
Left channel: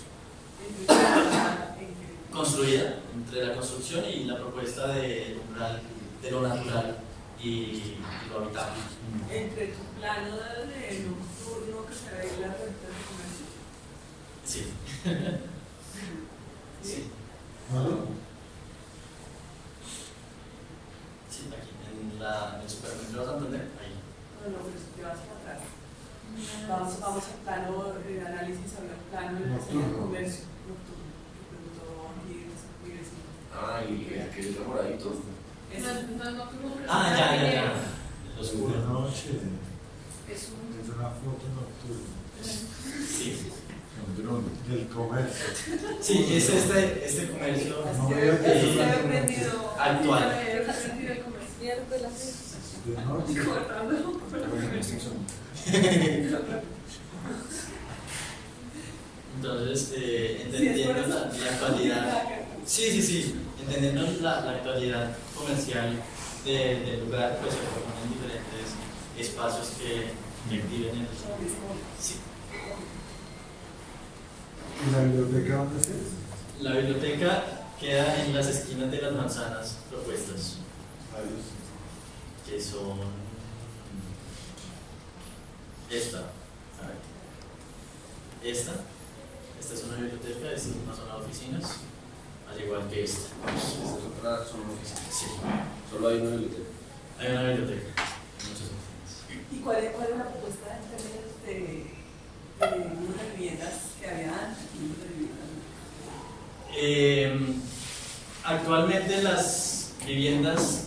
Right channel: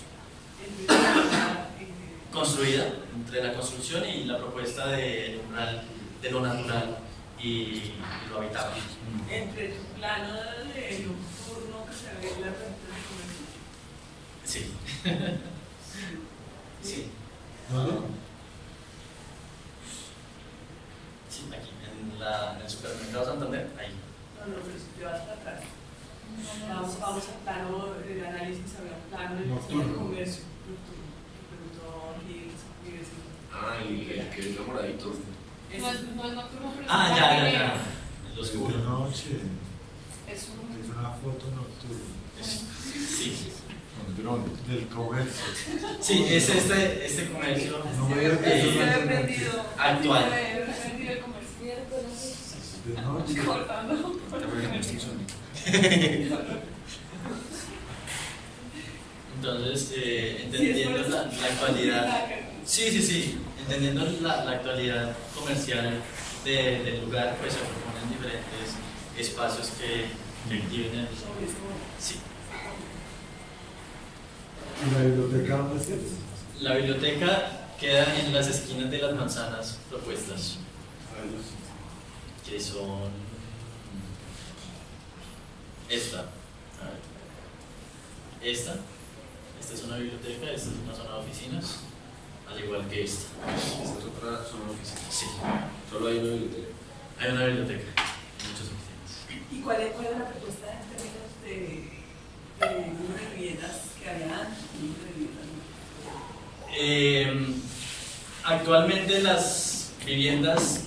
construida, entre la construcción y la propuesta del umbral de lo natural y lo habitable. Entre tu plano de nocturno que se ve en la renta de comercio. Sí. Sí. Sí, aquí, en el supermercado Santander, ahí. No, pero si te vas para atrás. Vamos al plano de análisis, había un plano de comercio nocturno que preguntó aquí el que es moradito. No es nocturno, pero Ya. El oscuro. De noche. Es una foto nocturna. Sí. Un dron. Del comercio. Sí, es este comercio No veo que Así eso se no ha es aprendido. actual. de noche. Cortando. Entonces, entendiendo la actualidad, sí, entendiendo la actualidad comercial del lugar, pues se proponen diferentes espacios que activen el... Sí. ¿Y la biblioteca dónde está? La biblioteca queda en las esquinas de las manzanas propuestas, que son esta. A ver. Esta es una biblioteca, esta es una zona de oficinas, al igual que esta. Esta es otra zona de oficina. Sí, Solo hay una biblioteca. hay una biblioteca, muchas oficinas. ¿Y cuál es la propuesta en términos de número de viviendas que había antes? Número de viviendas. Actualmente las viviendas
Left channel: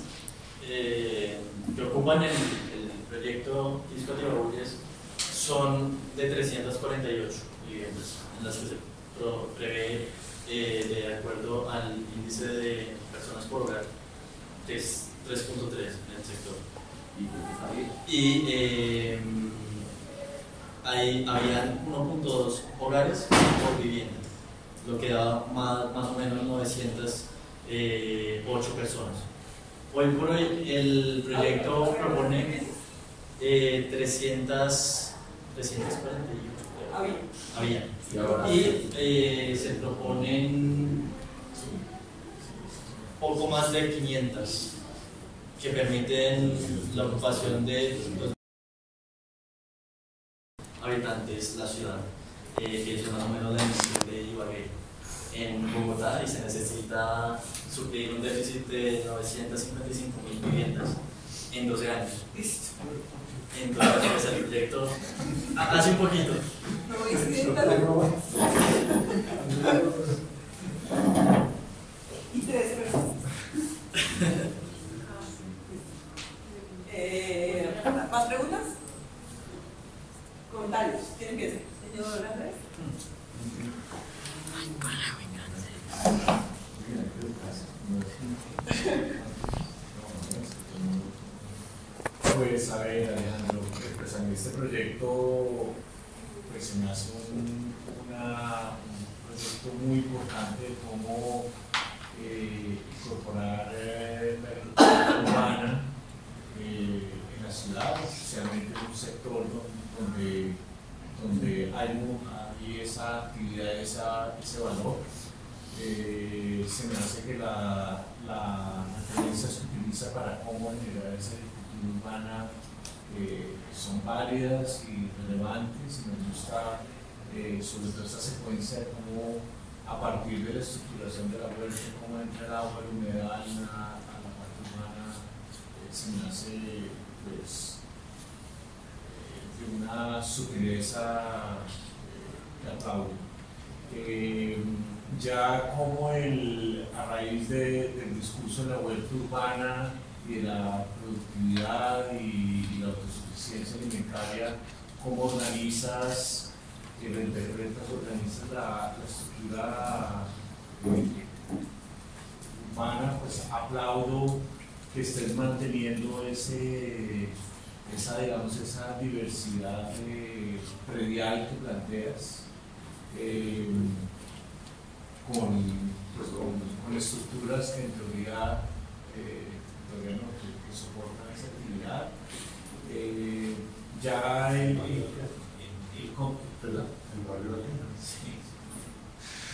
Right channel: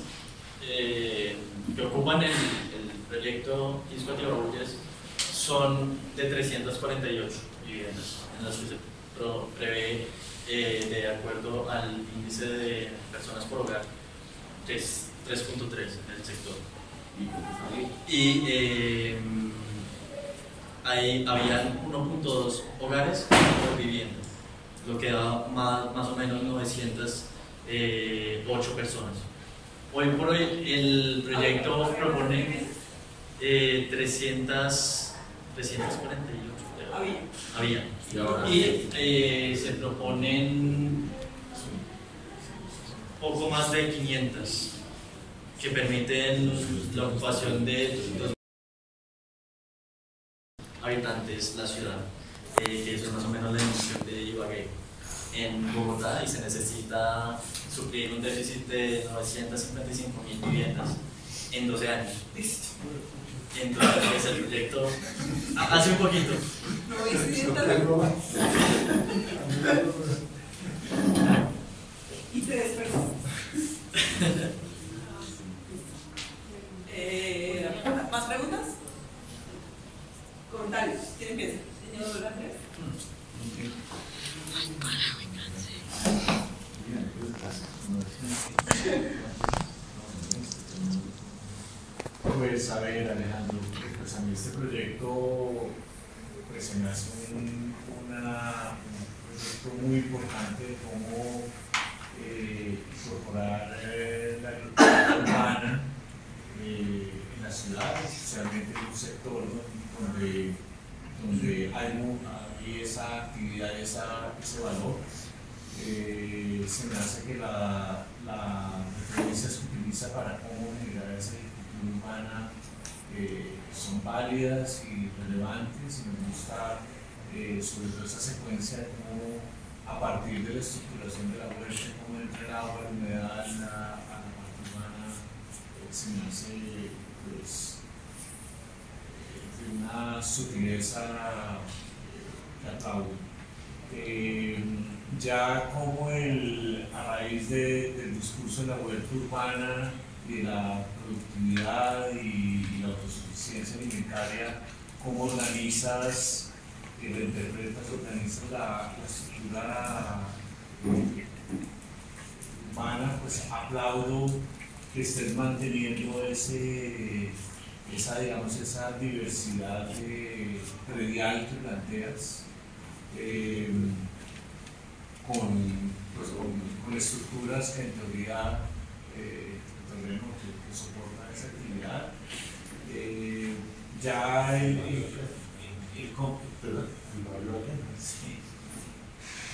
que ocupan el proyecto Quisco Atibabullés son de 348 viviendas, en las que se prevé, de acuerdo al índice de personas por hogar, que es 3.3 en el sector. Y habían 1.2 hogares por vivienda, lo que da más o menos 908 personas. Hoy por hoy el proyecto propone 348, creo. Había. Y ahora Y se proponen poco más de 500 que permiten la ocupación de 2 habitantes la ciudad, que eso es más o menos la dimensión de Ibagué en Bogotá, y se necesita suplir un déficit de 955.000 viviendas en 12 años. Entonces el proyecto hace un poquito. No voy a decir y 3 personas. ¿Más preguntas? ¿Comentarios? ¿Quién empieza? Señor Andrés. Pues a ver, Alejandro, pues a mí este proyecto pues se me hace un proyecto muy importante de cómo incorporar la agricultura urbana en la ciudad, especialmente en un sector donde hay esa actividad, ese valor. Se me hace que la referencia se utiliza para cómo generar esa agricultura urbana son válidas y relevantes, y me gusta sobre todo esa secuencia de cómo a partir de la estructuración de la huerta, cómo entra el agua, la humedad a la parte urbana, se me hace pues de una sutileza que aplaudo. Ya como a raíz del discurso de la huerta urbana y de la productividad y la autosuficiencia alimentaria, ¿cómo organizas y reinterpretas, organizas la estructura urbana? Pues aplaudo que estés manteniendo esa diversidad predial que planteas. Con estructuras que en teoría que soportan esa actividad. Ya ¿perdón? El barrio de Sí.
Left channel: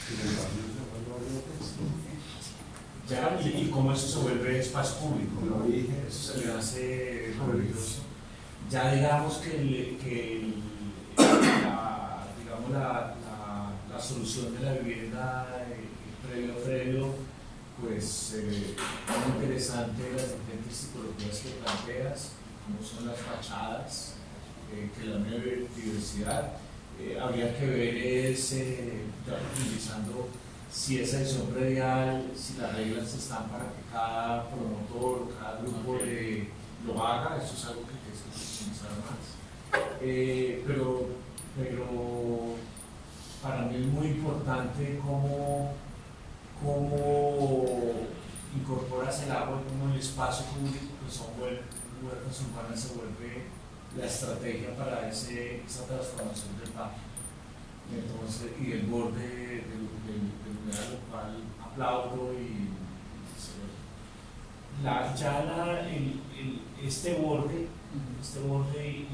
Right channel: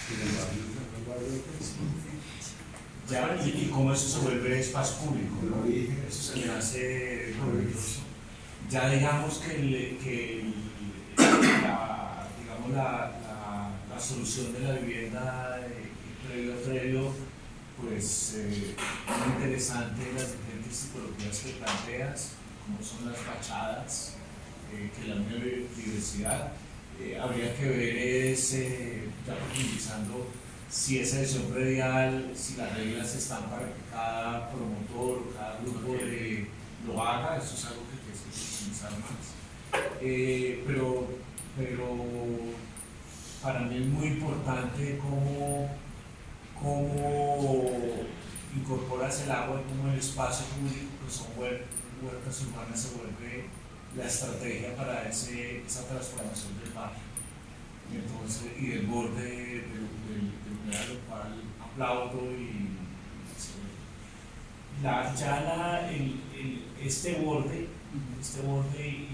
¿Y el barrio de Ya, y cómo eso se vuelve espacio público, ¿no? Eso se me hace maravilloso. Ya digamos que la solución de la vivienda previo, pues muy interesante las diferentes tipologías que planteas, como son las fachadas, que la biodiversidad. Habría que ver, ya profundizando, si esa edición predial, si las reglas están para que cada promotor o cada grupo lo haga. Eso es algo que hay que profundizar más. Pero para mí es muy importante cómo incorporas el agua, como el espacio público, que son huertas urbanas, se vuelve la estrategia para esa transformación del barrio. Entonces, y del borde del lugar, lo cual aplaudo este borde y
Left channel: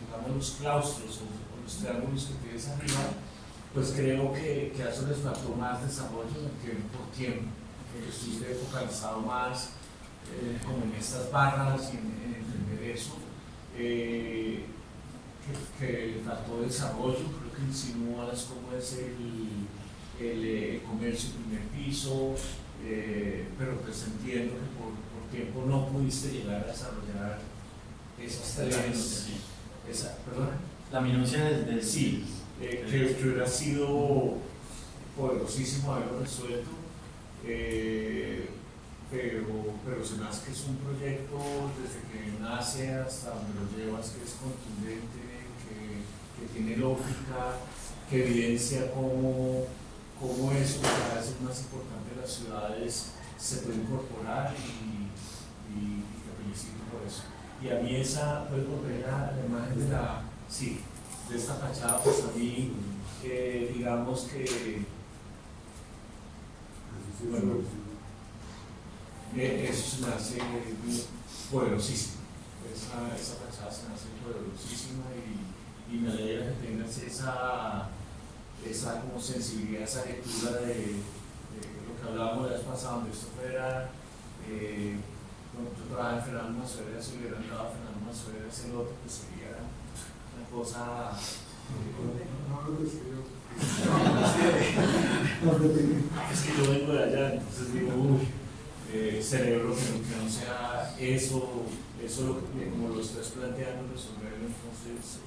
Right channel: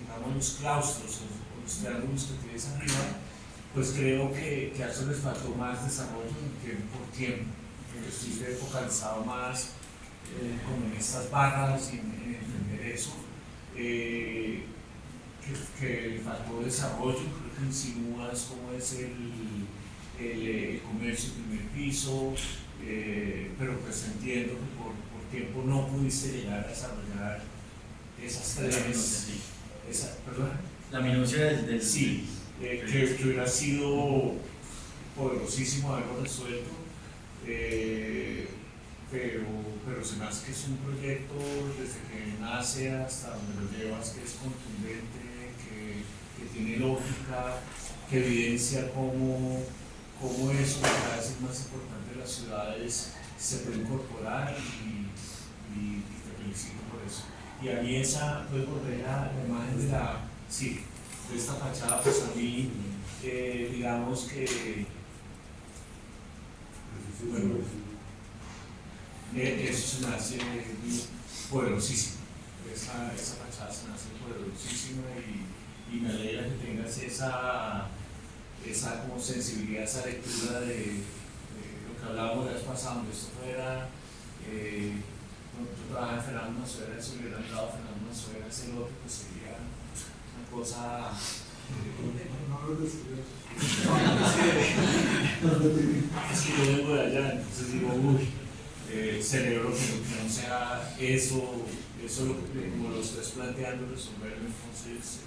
digamos, los claustros o los triángulos que tienes arriba, pues creo que a eso les faltó más desarrollo por tiempo, que estuviste focalizado más como en estas barras y en entender eso, que le faltó desarrollo. Creo que insinúas cómo es el comercio primer piso, pero pues entiendo que por tiempo no pudiste llegar a desarrollar esas tres. ¿Perdón? La minucia del sí, que hubiera sido poderosísimo haberlo resuelto, pero se me hace que es un proyecto desde que nace hasta donde lo llevas, que es contundente, que tiene lógica, que evidencia cómo eso, que cada vez es más importante en las ciudades, se puede incorporar y te felicito por eso. Y a mí puedes volver a la imagen de esta fachada, pues a mí, digamos que, bueno, eso se me hace poderosísimo. Esa fachada se me hace poderosísima y me alegra que tengas esa como sensibilidad, esa lectura de lo que hablábamos la vez pasada, donde esto fuera, cuando tú trabajas en Fernando Manzuegra, si hubieran dado a Fernando Manzuegra ese lote, pues sería una cosa. Es que yo vengo de allá, entonces digo, celebro que no sea eso lo que, como lo estás planteando, resolverlo. Entonces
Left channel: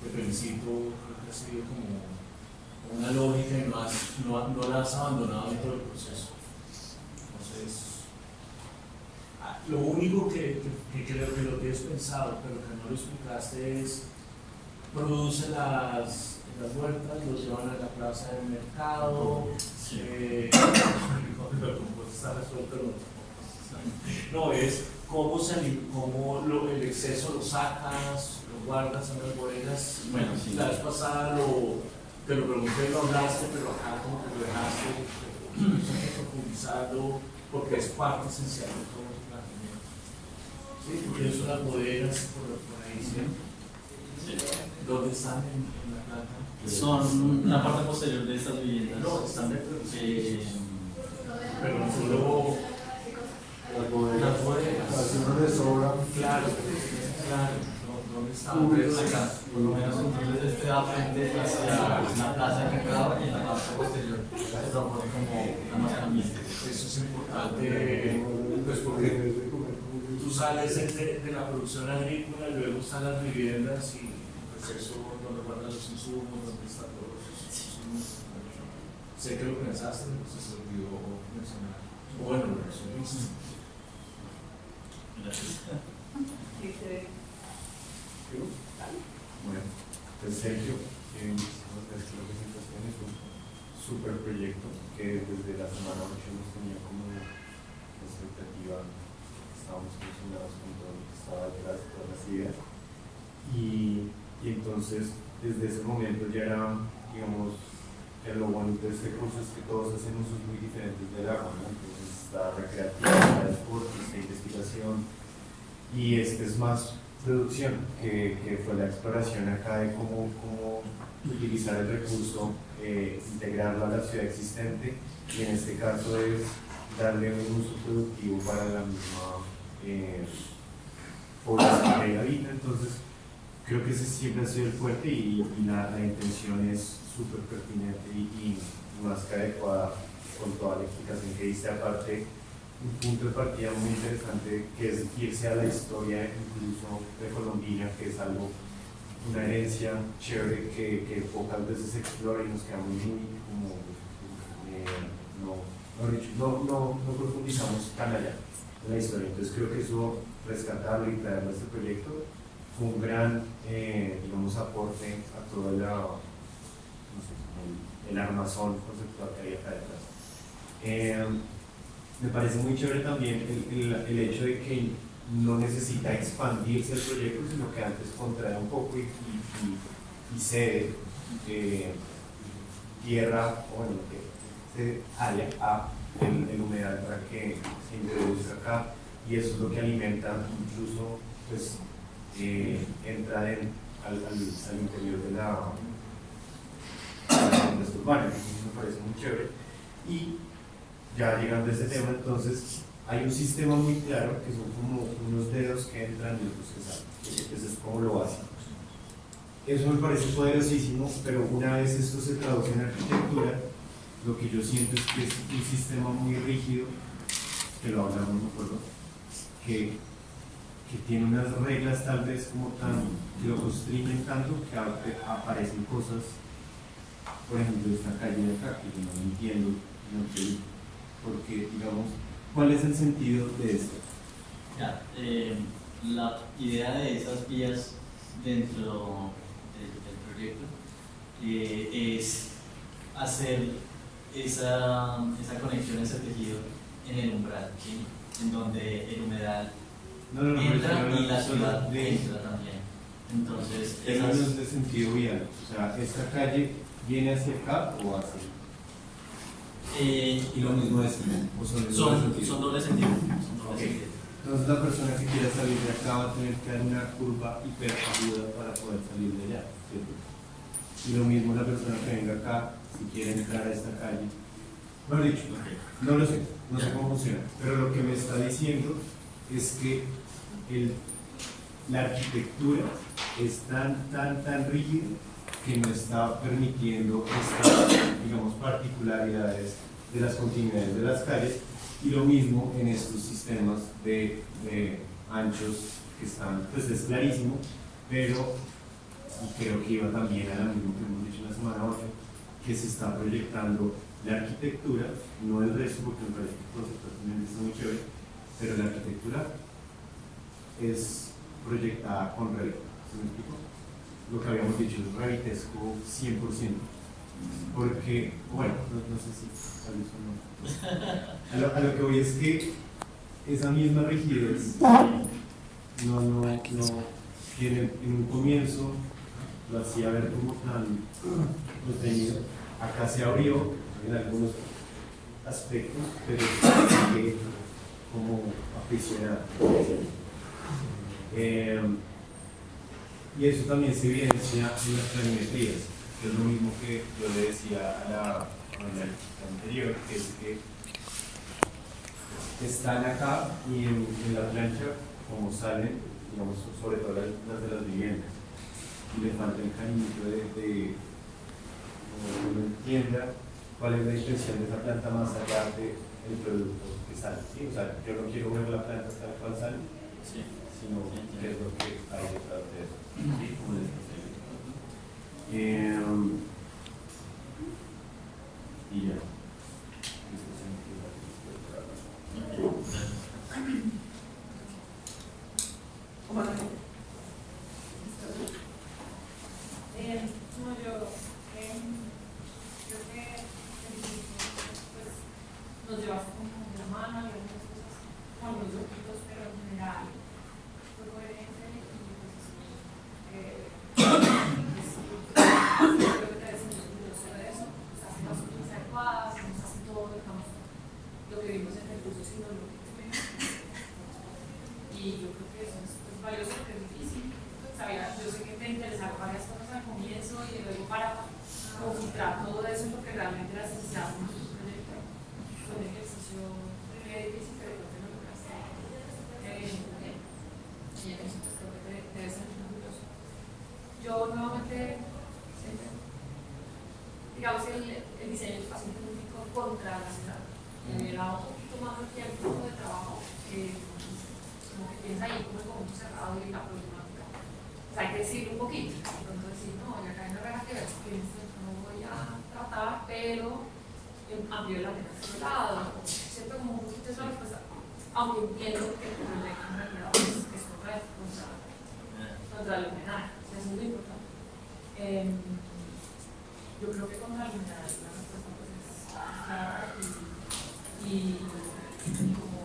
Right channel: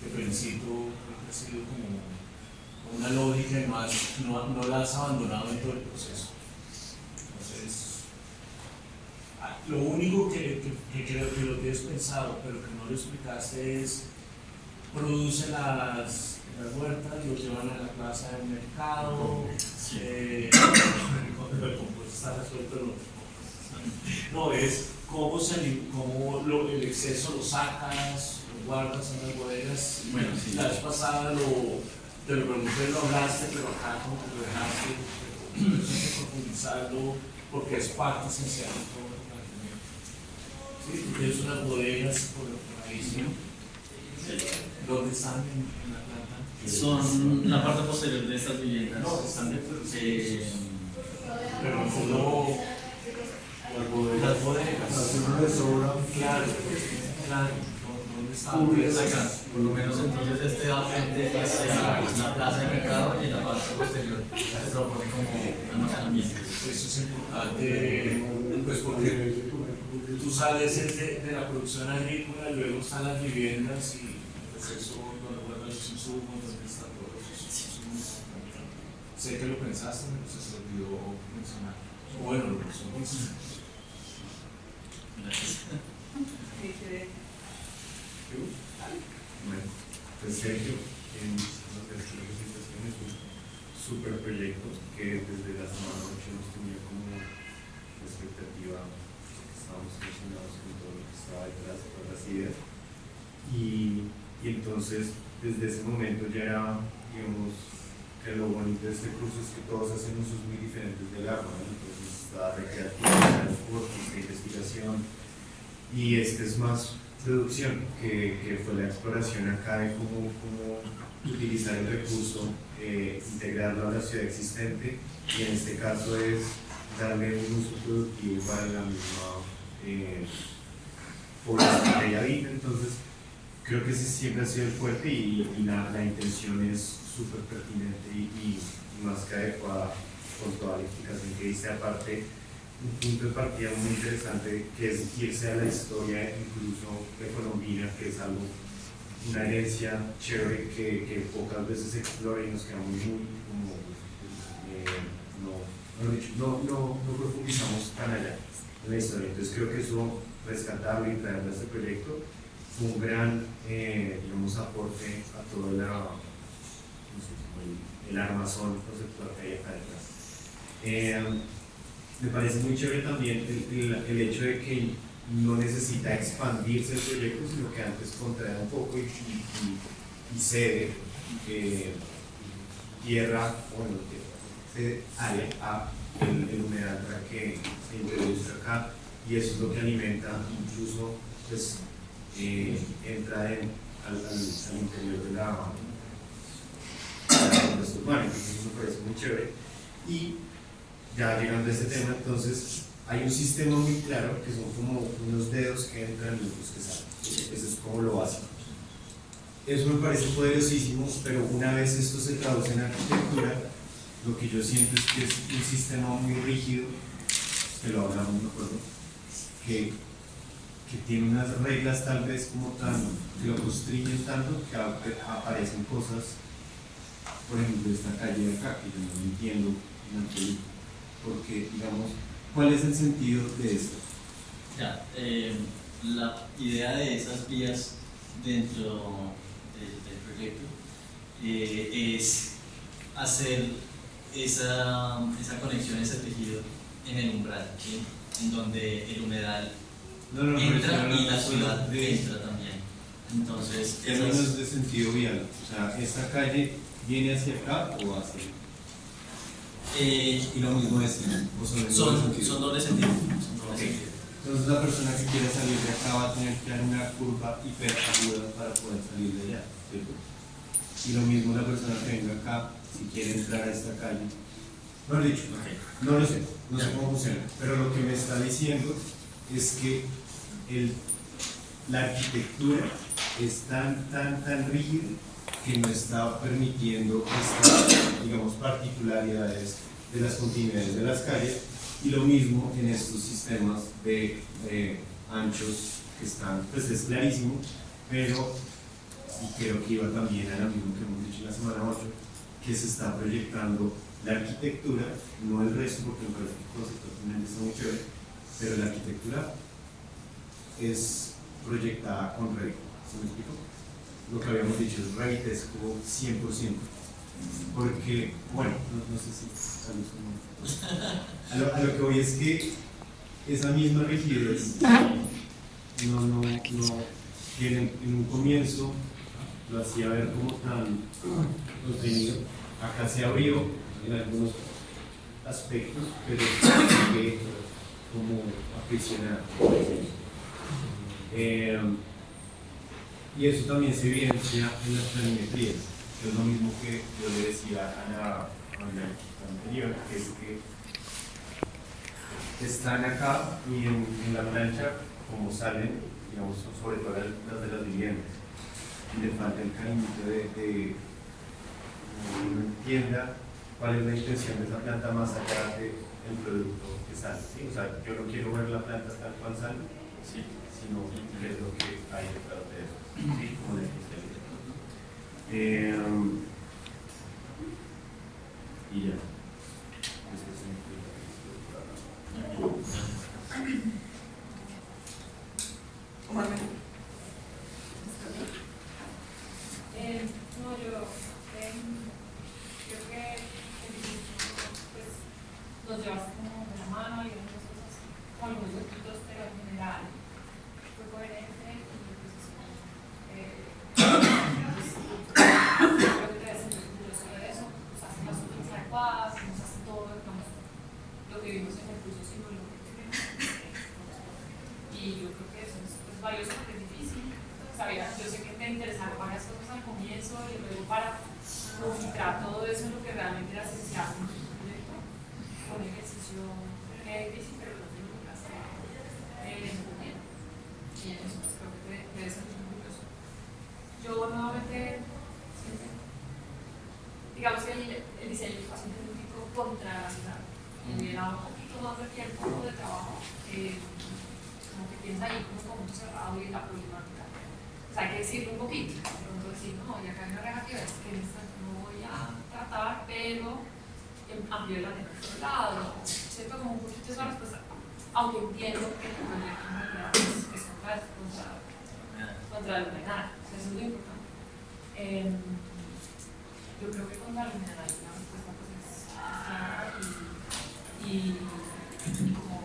te felicito, creo que ha sido como una lógica y no la has abandonado en todo el proceso. Entonces, lo único que creo que lo tienes pensado, pero que no lo explicaste, es produce las huertas, los llevan a la plaza del mercado, el compost está resuelto, no, es cómo el exceso lo sacas, lo guardas en las bodegas. Bueno, sí. La vez pasada te lo pregunté, lo hablaste, pero acá como que lo dejaste, pero hay que profundizarlo porque es parte esencial de todo el planteamiento. ¿Sí? Porque son las bodegas por ahí, ¿sí? ¿Dónde están en la planta? Son la parte posterior de estas viviendas. No, están dentro de pero no las bodegas. Claro. ¿Dónde están? Acá, por lo menos entonces este da frente hacia la plaza de mercado y en la parte posterior se propone como almacenamiento. Eso es importante, pues porque tú sales de la producción agrícola, luego están las viviendas y pues eso, donde guardan los insumos, donde está todo eso. Sé que lo pensaste, pero se te olvidó mencionar. Bueno, lo resumiste. Gracias. Bueno, pues Sergio, muchísimas gracias por la presentación. Es un súper proyecto que desde la semana 8 nos tenía como expectativa, estábamos emocionados con todo lo que estaba detrás, todas las ideas. Y entonces, desde ese momento ya era, digamos, que lo bonito de este curso es que todos hacen usos muy diferentes del agua, ¿no? Entonces está recreativa, está deporte, está investigación, y este es más producción, que fue la exploración acá de cómo utilizar el recurso, integrarlo a la ciudad existente, y en este caso es darle un uso productivo para la misma población que ella habita. Entonces creo que ese siempre ha sido el fuerte y la intención es súper pertinente y más que adecuada con toda la explicación que diste. Aparte, un punto de partida muy interesante, que es irse a la historia incluso precolombina, que es algo, una herencia chévere que pocas veces se explora y nos quedamos muy como no profundizamos tan allá en la historia. Entonces creo que eso, rescatarlo y traerlo a este proyecto, fue un gran digamos, aporte a todo el armazón conceptual que hay acá detrás. Me parece muy chévere también el hecho de que no necesita expandirse el proyecto, sino que antes contrae un poco y cede tierra, bueno, cede área a el humedal para que se introduzca acá, y eso es lo que alimenta, incluso pues entra al interior de la compuesta urbana. Entonces eso me parece muy chévere. Y ya llegando a este tema, entonces hay un sistema muy claro que son como unos dedos que entran y otros que salen. Eso es como lo básico. Eso me parece poderosísimo, pero una vez esto se traduce en arquitectura, lo que yo siento es que es un sistema muy rígido, que lo hablamos, me acuerdo, que tiene unas reglas tal vez como tan, que lo constriñen tanto que aparecen cosas, por ejemplo esta calle de acá, que yo no entiendo en absoluto, porque digamos, ¿cuál es el sentido de esto? Ya, la idea de esas vías dentro del proyecto es hacer esa conexión, ese tejido en el umbral, ¿sí? En donde el humedal entra y la ciudad entra también. Entonces, términos de sentido vial, o sea, ¿esta calle viene hacia acá o hacia acá? Y lo mismo es, son doble sentido. Entonces la persona que quiera salir de acá va a tener que dar una curva hiperaguda para poder salir de allá, ¿cierto? Y lo mismo la persona que venga acá, si quiere entrar a esta calle. Mejor dicho, no lo sé, no sé cómo funciona, pero lo que me está diciendo es que la arquitectura es tan rígida que no está permitiendo estas, digamos, particularidades de las continuidades de las calles, y lo mismo en estos sistemas de anchos que están, pues es clarísimo, pero, y creo que iba también a lo mismo que hemos dicho en la semana 8, que se está proyectando la arquitectura, no el resto, porque me parece que conceptualmente está muy chévere, pero la arquitectura es proyectada con Revit. ¿Se me explico? Lo que habíamos dicho es revitesco 100%, porque, bueno, no sé si tal vez no. A lo que voy es que esa misma rigidez no tiene, en un comienzo lo hacía ver como tan contenido, acá se abrió en algunos aspectos, pero sigue como aprisionado. Y eso también se evidencia en las planimetrías, que es lo mismo que yo le decía a la anterior, que es que están acá y en la plancha, como salen, digamos, sobre todo las de las viviendas, y le falta el cariñito de que uno entienda cuál es la intención de esa planta más allá del producto que sale. ¿Sí? O sea, yo no quiero ver la planta tal cual sale, sí, sino qué es lo que hay detrás de eso, ¿sí? Como la y ya. No, yo creo que el dibujo pues, nos llevaste como de la mano y algunas cosas, como algunos puntos, pero en general fue coherente y pues creo que te ves orgulloso de eso, nos hacen las cosas adecuadas, nos hacen todo, digamos, lo que vimos en recursos y no lo que vimos. Y yo creo que eso es pues, valioso porque es difícil. Sabías, yo sé que te interesaron varias cosas al comienzo y luego para filtrar todo eso en lo que realmente era esencial con tu proyecto. Fue un ejercicio difícil, pero creo que lo lograste muy bien. Y en eso pues, creo que te debes sentir orgulloso. Yo nuevamente, digamos que el diseño de espacio público contra la ciudad me da un poquito más de tiempo de ahí como con mucho cerrado y la problemática. O sea, hay que decirle un poquito, de pronto decir, no, y acá hay una regla que ves que esto no voy a tratar, pero amplio la pena por otro lado, ¿cierto? Como un poquito esa respuesta, aunque entiendo que el proyecto en realidad es contra el homenaje, o sea, eso es lo importante. Yo creo que contra el homenaje la respuesta pues es clara y como,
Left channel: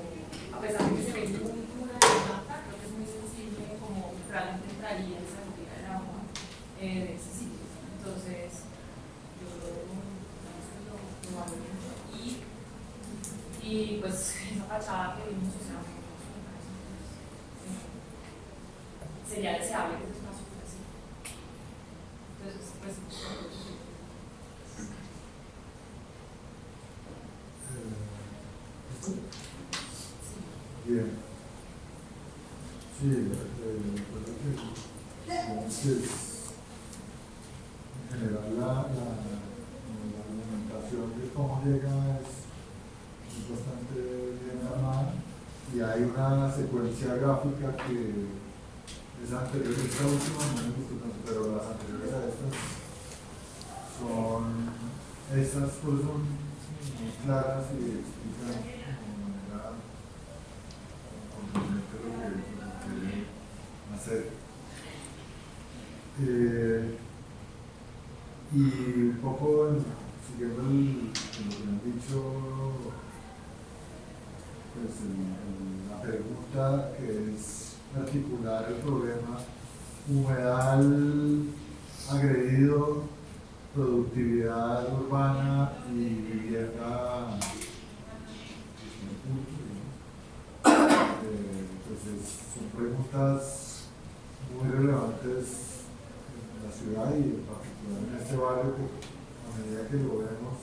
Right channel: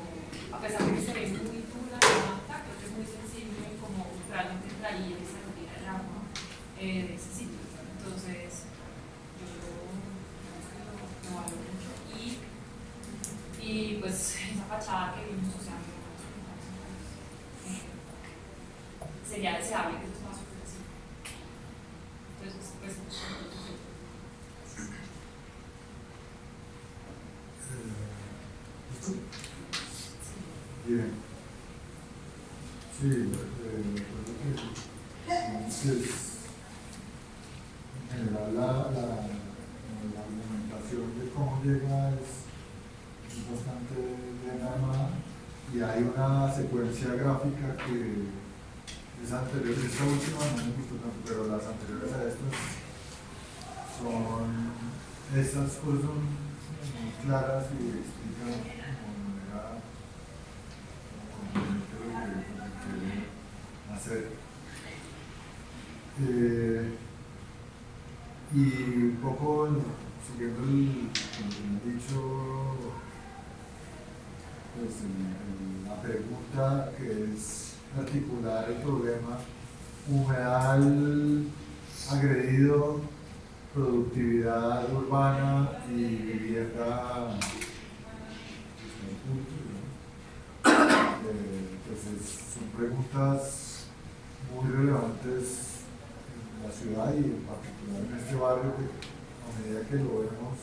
a pesar de que se ve muy dura la mata, creo que es muy sensible como realmente traía y se retira el agua de ese sitio. Entonces, yo lo valoro mucho y pues esa fachada que vimos, o sea, sería deseable que ese espacio fuera así. Entonces, pues, bien. Sí, en general la argumentación de cómo llega es bastante bien armada y hay una secuencia gráfica que es anterior, esta última no me gustó tanto, pero las anteriores a estas estas cosas son muy claras y explican de manera contundente lo que quieren hacer. Y un poco siguiendo lo que me han dicho, pues la pregunta que es articular el problema humedal agredido, productividad urbana y vivienda pues son preguntas muy relevantes en la ciudad y en particular en este barrio que a medida que lo vemos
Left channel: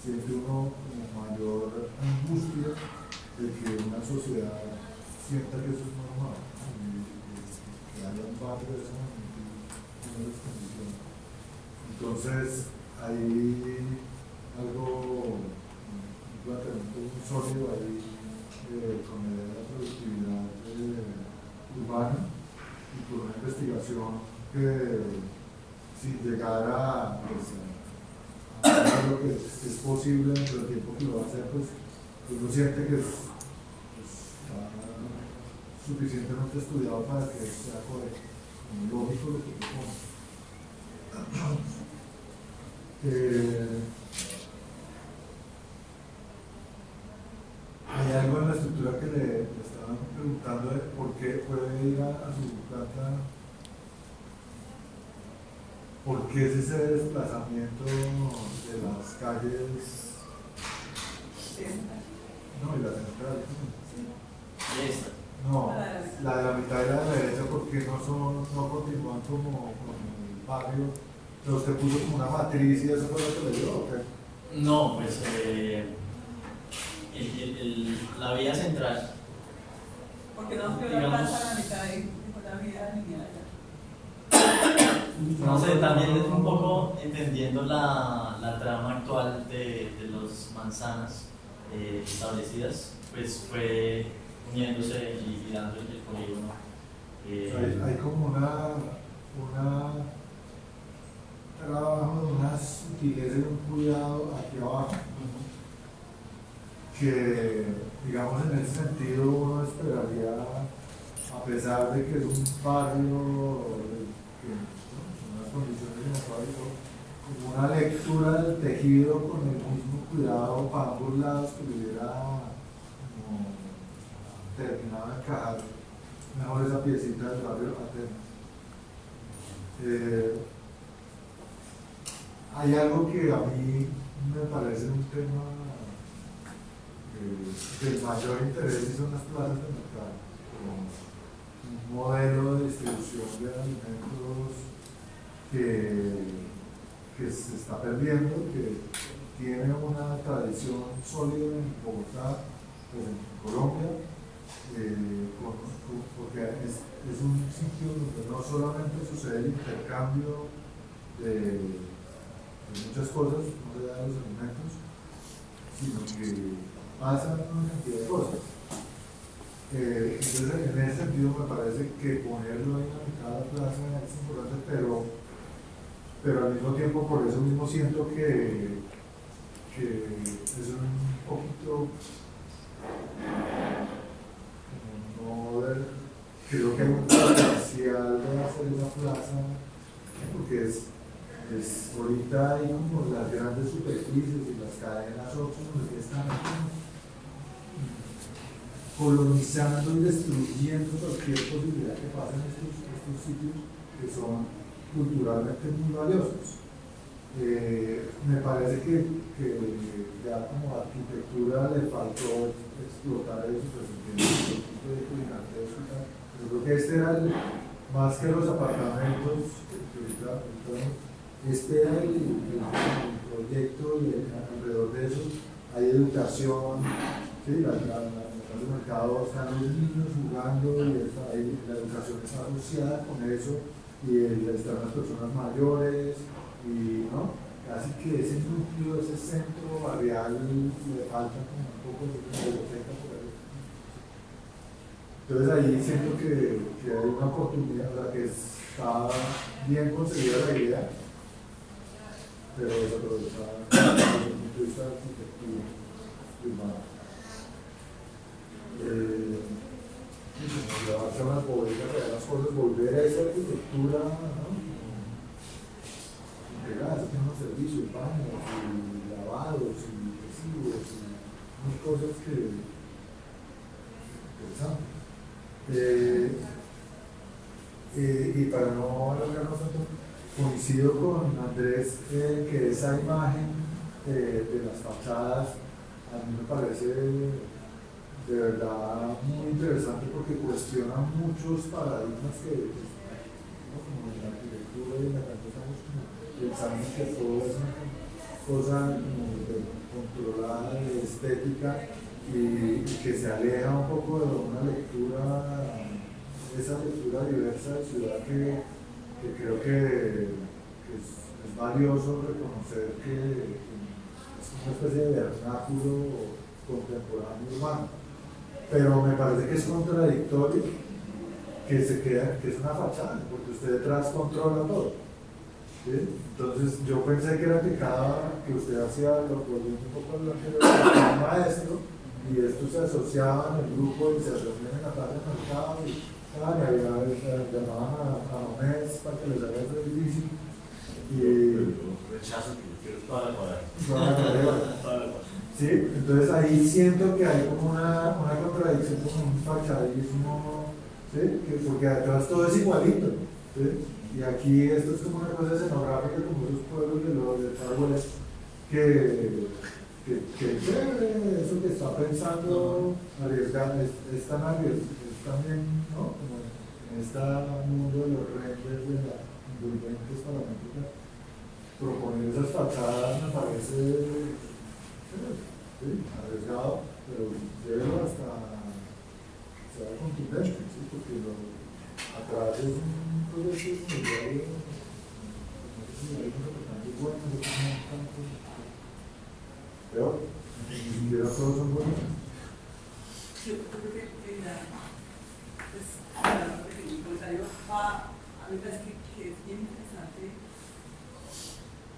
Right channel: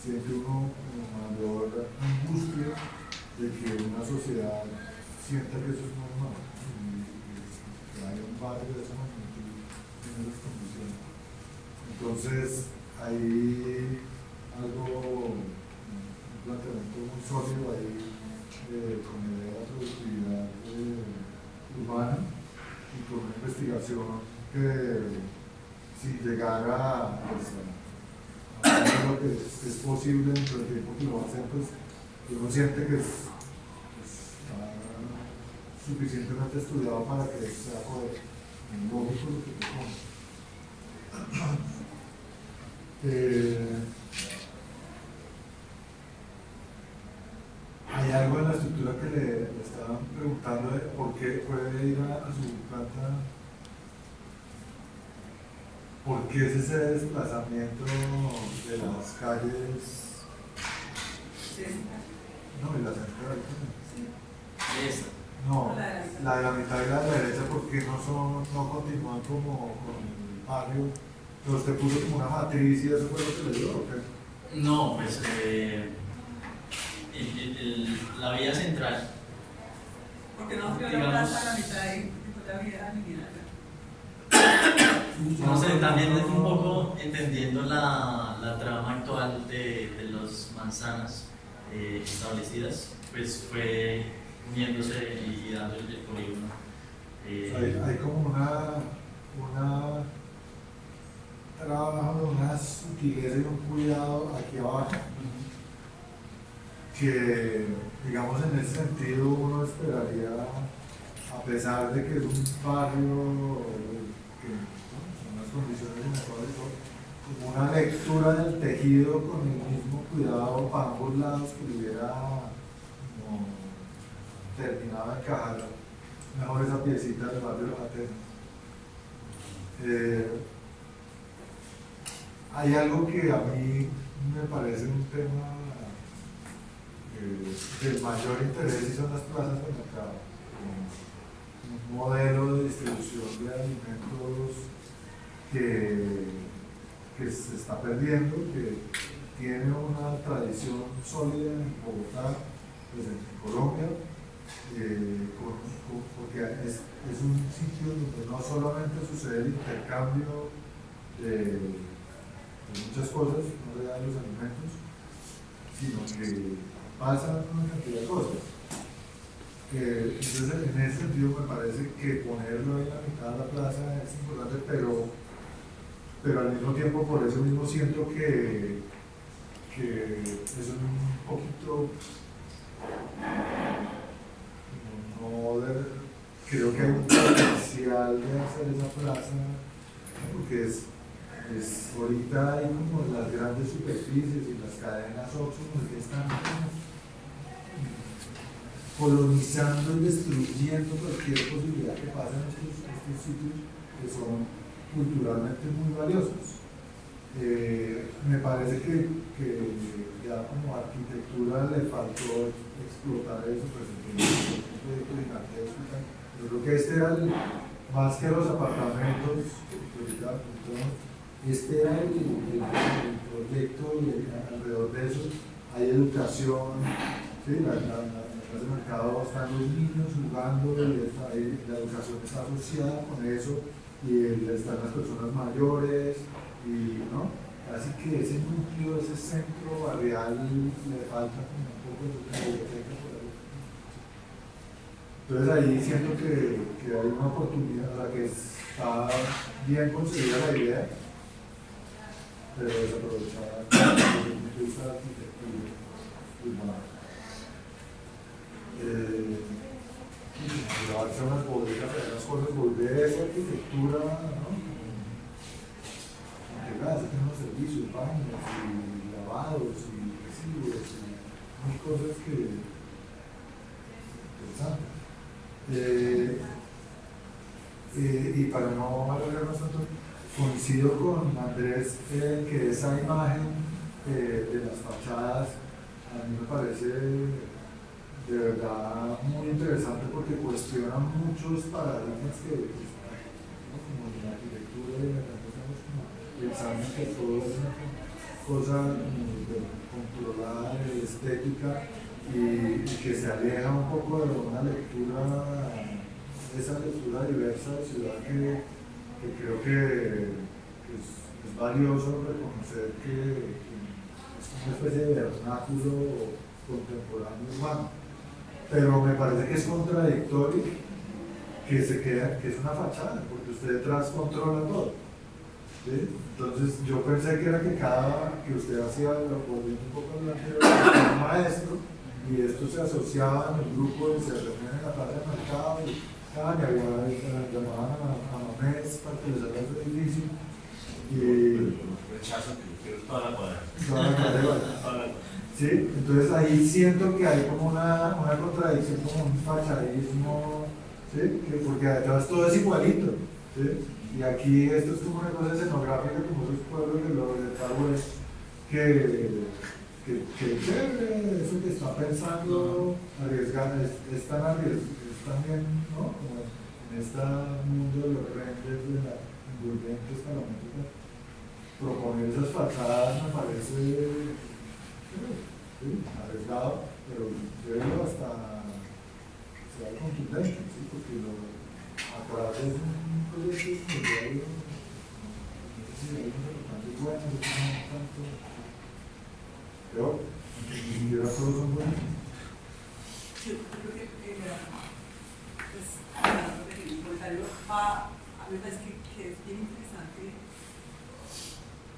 siente uno mayor angustia de que una sociedad sienta que eso es normal y que haya un barrio de esa magnitud en esas condiciones. Entonces hay algo, un planteamiento muy sólido ahí con la idea de la productividad urbana y con una investigación que si llegara pues, a hacer lo que es posible dentro del tiempo que lo va a hacer, pues uno siente que está suficientemente estudiado para que sea lógico lo que propone. Hay algo en la estructura que le estaban preguntando de por qué puede ir a su planta, por qué es ese desplazamiento de las calles, no, y la central, Y esta. no, la de la mitad y la de la derecha, porque no continúan como con el barrio, pero usted puso como una matriz y eso fue lo que le dio, ¿o qué? No, pues la vía central. Porque no fue la Digamos, plaza a la mitad y fue la vía lineal. no sé, también es un poco entendiendo la trama actual de las manzanas establecidas, pues fue uniéndose y dando el polígono. Hay como una trabajo, una sutileza y un cuidado aquí abajo que, digamos, en ese sentido uno esperaría, a pesar de que es un barrio que, en unas condiciones inadecuadas, como una lectura del tejido con el mismo cuidado para ambos lados que le hubiera como terminado de encajar mejor esa piecita del barrio Atenas. Hay algo que a mí me parece un tema de mayor interés y son las plazas de mercado, un modelo de distribución de alimentos que se está perdiendo, que tiene una tradición sólida en Bogotá, pues en Colombia, porque es un sitio donde no solamente sucede el intercambio de muchas cosas, no de los alimentos, sino que pasan una cantidad de cosas. Entonces, en ese sentido, me parece que ponerlo en la mitad de la plaza es importante, pero al mismo tiempo, por eso mismo siento que es un poquito, creo que hay un potencial de hacer esa plaza, porque ahorita hay como las grandes superficies y las cadenas óptimas que están colonizando y destruyendo cualquier posibilidad que pase en estos sitios que son culturalmente muy valiosos. Me parece que ya como arquitectura le faltó explotar eso, pues entiendo un proyecto gigantesco y tal. Yo creo que este era más que los apartamentos, este era el proyecto, y alrededor de eso hay educación, ¿sí? La clase de mercado, están los niños jugando, y la educación está asociada con eso, y están las personas mayores, y ¿no? Casi que ese núcleo, ese centro barrial le falta como un poco de biblioteca por ahí. Entonces ahí siento que hay una oportunidad, o sea, que está bien concebida la idea, pero desaprovechada desde el punto de vista de arquitectura urbana. Y como llevarse a unas bodegas, a las cosas, volver a esa arquitectura, ¿no? Integradas, tienen unos servicios, baños, y lavados, y residuos, y mil cosas que interesantes. Y para no alargarnos tanto, coincido con Andrés que esa imagen de las fachadas a mí me parece de verdad muy interesante, porque cuestiona muchos paradigmas que ¿no? Como en la arquitectura y en la canción estamos como pensando que todo es una cosa controlada de estética y que se aleja un poco de una lectura, esa lectura diversa de ciudad que creo que es valioso reconocer que es una especie de vernáculo contemporáneo urbano. Pero me parece que es contradictorio que es una fachada, porque usted detrás controla todo, ¿sí? Entonces yo pensé que era que usted hacía, volviendo un poco al anterior, un maestro, y esto se asociaba en el grupo y se reunían en la plaza de mercado, y llamaban a Mamés para que les haga ese edificio. Rechazo que yo quiero toda la cuadrada. Toda la cuadrada. ¿Sí? Entonces ahí siento que hay como una contradicción, como un fachadismo, ¿sí? Porque detrás todo es igualito, ¿sí? Y aquí esto es como una cosa escenográfica, como esos pueblos de Far West, que chévere, eso que está pensando, arriesgando, es también, ¿no? Como en este mundo de los renders, de la envolventes paramétricas, proponer esas fachadas me parece sí, arriesgado, pero verlo hasta sea contundente, ¿sí? Porque atrás es un proyecto inmobiliario, no sé si hay unos importantes buenos, otros no tanto, peor, ni siquiera todos son buenos. Yo creo que pues, el comentario a mí me parece que es bien interesante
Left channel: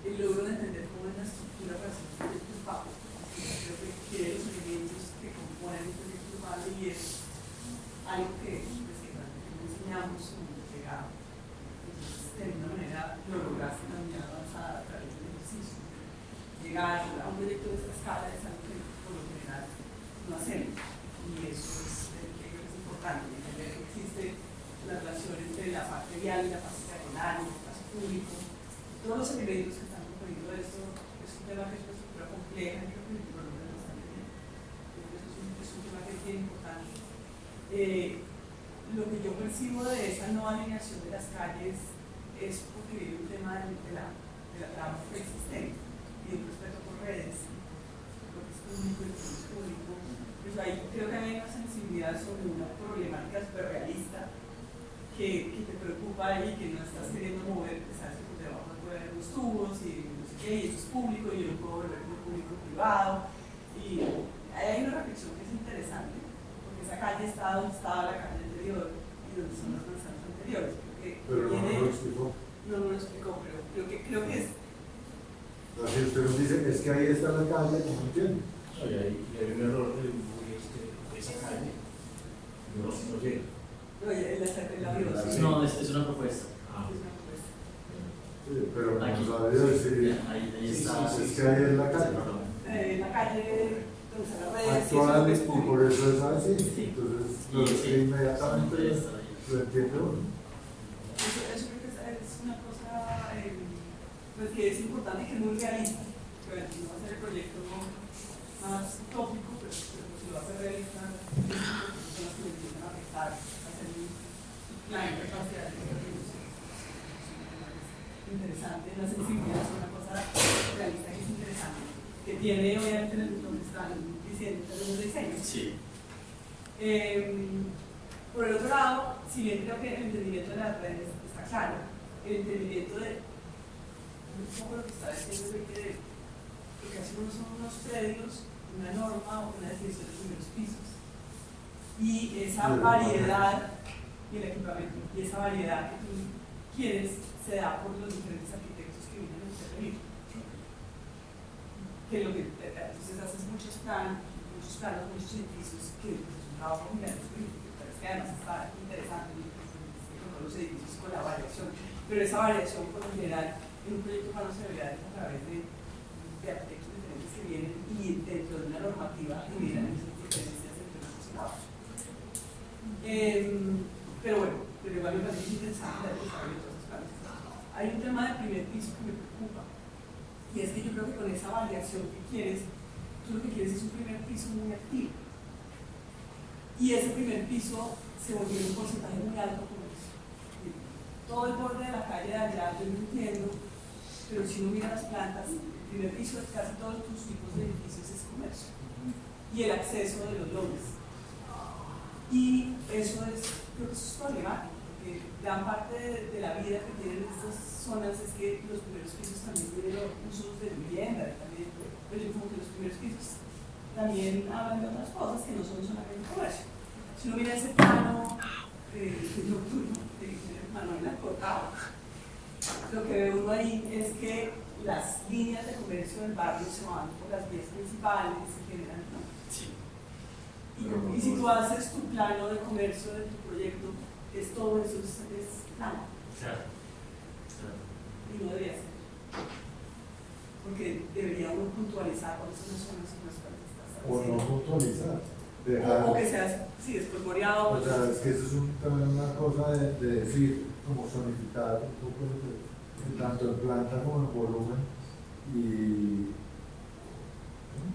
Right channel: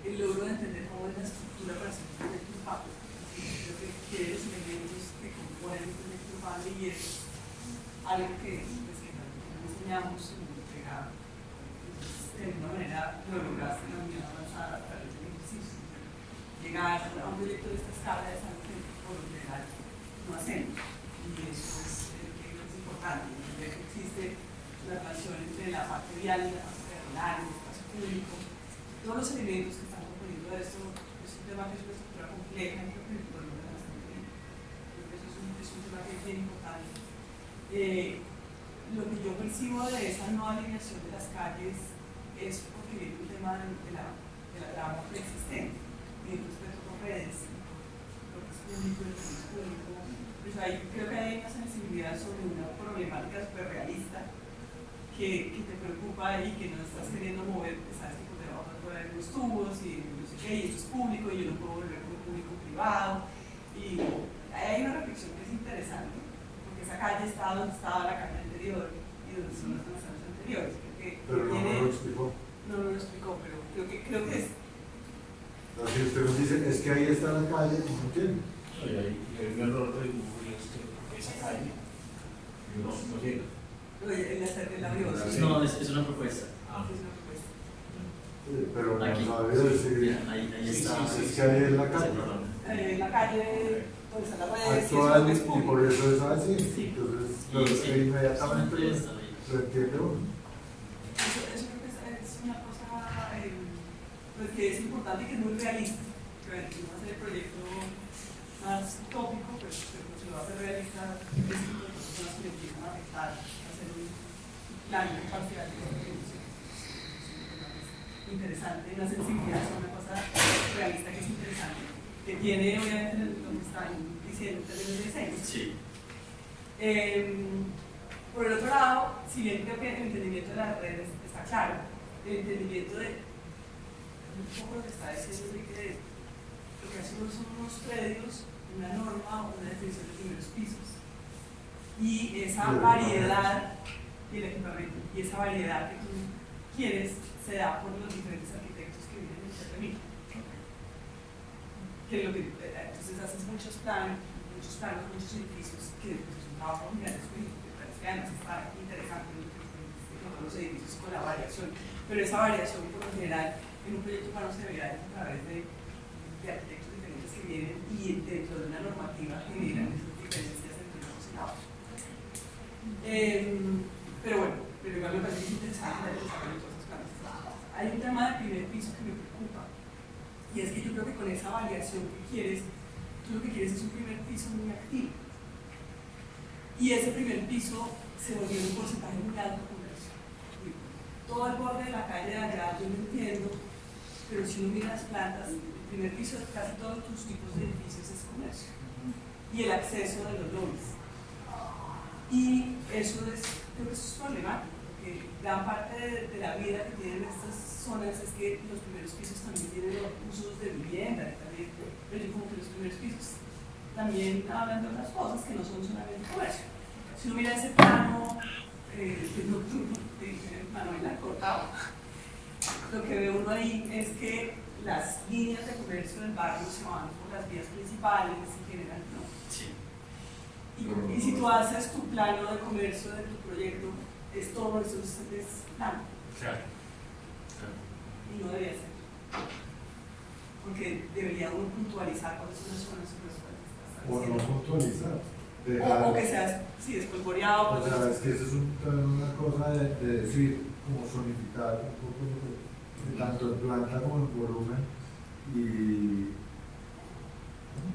el logro de entender cómo es la estructura para hacer un proyecto urbano. Creo que los elementos que componen un proyecto urbano, y es algo que enseñamos en la biblioteca de una manera neurográfica muy avanzada a través del ejercicio. Llegar a un proyecto de esta escala es algo que por lo general no hacemos, y eso es importante. Entender que existe la relación entre la parte vial y la parte peatonal, el espacio público, todos los elementos que están componiendo esto. Es un tema que es una estructura compleja, y creo que el volumen es bastante bien. Creo que eso es un tema que es bien importante. Lo que yo percibo de esa no alineación de las calles es porque viene un tema de la trama preexistente, y el respeto por redes, lo que es público y lo que no es público. Pues ahí creo que hay una sensibilidad sobre una problemática súper realista que te preocupa y que no estás queriendo mover, porque sabes que te vamos a poner los tubos y no sé qué, y esto es público y yo no puedo volver como público privado. Y hay una reflexión que es interesante, porque esa calle está donde estaba la calle anterior y donde son las manzanas anteriores. Pero no lo explicó. No lo explicó, pero creo que es. Así usted nos dice, es que ahí está la calle, no entiendo. Y hay un error de dibujo y es que esa calle no llega. Oye, la vio. No, es una propuesta. Ah, Es una propuesta. Sí, pero no Aquí. sabe decir, Ahí está. es que ahí es la calle. La calle donde están las redes, Actual, y eso es y público. por eso es así. Sí. Entonces, lo que inmediatamente lo entiende uno. Eso creo que es una cosa pues que es importante y que es muy realista. Que bueno, no va a ser el proyecto más utópico, pero si lo va a hacer realista, es importante son las que le empiezan a afectar, a hacer un plan de parcial interesante, una sensibilidad, es una cosa realista que es interesante, que tiene obviamente lo que están diciendo en términos de diseño. Sí. Por el otro lado, si bien creo que el entendimiento de las redes está claro, el entendimiento de un poco lo que está diciendo es que lo que hacemos son unos predios, una norma o una definición de primeros pisos. Y esa variedad y el equipamiento, y esa variedad que tú quieres se da por los diferentes arquitectos que vienen del CRMI. Entonces haces muchos planos, muchos edificios que es un trabajo muy grande, que además está interesante con todos los edificios, con la variación, pero esa variación por lo general en un proyecto urbano se debería dar a través de arquitectos diferentes que vienen y dentro de una normativa generan esas diferencias entre unos y otros. Pero bueno, pero igual me parece interesante el desarrollo de todos estos planes. Hay un tema del primer piso que me preocupa y es que yo creo que con esa variación que quieres, tú lo que quieres es un primer piso muy activo. Y ese primer piso se volvió un porcentaje muy alto con eso. Todo el borde de la calle de allá, yo no entiendo, pero si uno mira las plantas, el primer piso de casi todos tus tipos de edificios es comercio. Y el acceso de los lobbies. Y eso creo que eso es problemático, porque gran parte de la vida que tienen estas zonas es que los primeros pisos también tienen los usos de vivienda, también, pero yo como que los primeros pisos también hablan de otras cosas que no son solamente comercio. Si uno mira ese plano nocturno de Manuel Alcortado, lo que ve uno ahí es que las líneas de comercio del barrio se van por las vías principales y generan, ¿no? Sí. Y si tú haces tu plano de comercio de tu proyecto, es todo eso es plano. Claro. Y no debería ser. Porque debería uno puntualizar cuáles son las zonas en las cuales estás O no puntualizar. o que seas, sí, espolvoreado. O sea, es que eso es también una cosa de decir, como zonificar un poco tanto en planta como en volumen. Y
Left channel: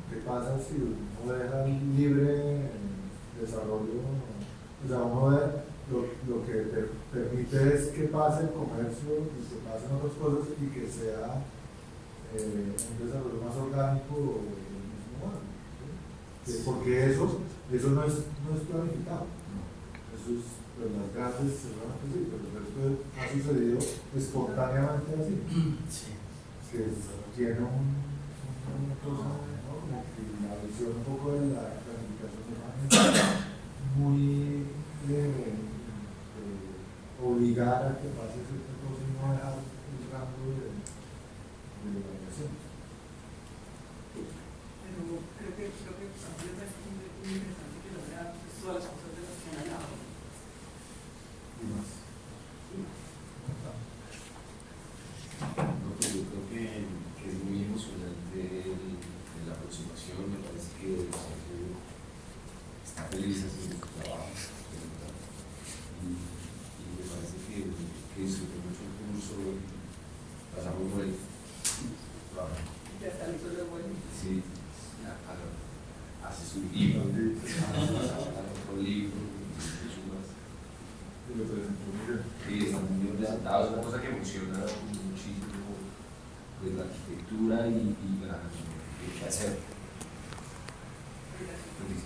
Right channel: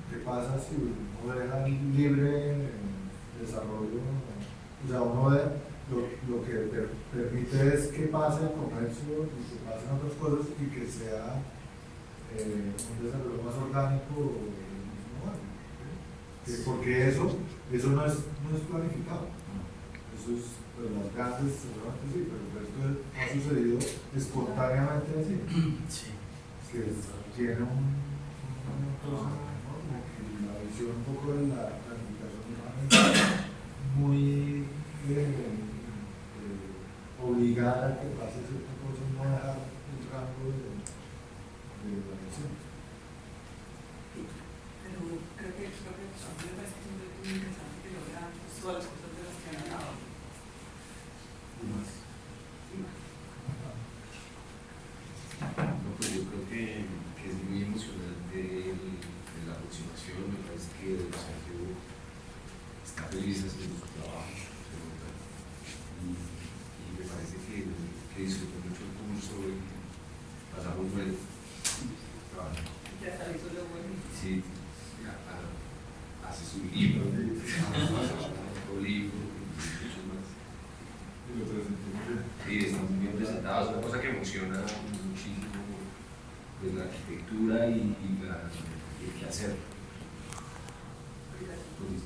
¿qué pasa si uno deja libre desarrollo? O sea, uno lo que permite es que pase el comercio y que pasen otras cosas y que sea un desarrollo más orgánico. Porque eso no es planificado. Eso es, pues, las grandes seguramente sí, pero el resto ha sucedido espontáneamente así. Sí. Que tiene una cosa, ¿no? Como que la visión un poco de la planificación muy obligada a que pase cierta cosa y no dejar un rango de variación. Pero creo que a mí me parece muy interesante que logra todas las cosas de las que han hablado. Y más. No, pues yo creo que es muy emocionante la aproximación. Me parece que Sergio está feliz haciendo su trabajo, de verdad. Y me parece que disfrutó mucho el curso y pasamos bueno. Ya está listo lo bueno. Sí, hace su libro, pasaba otro libro y mucho más. Y lo presentó muy bien. Sí, están muy bien presentados, es una cosa que emociona muchísimo, pues, la arquitectura y la qué hacer. Gracias. Pues,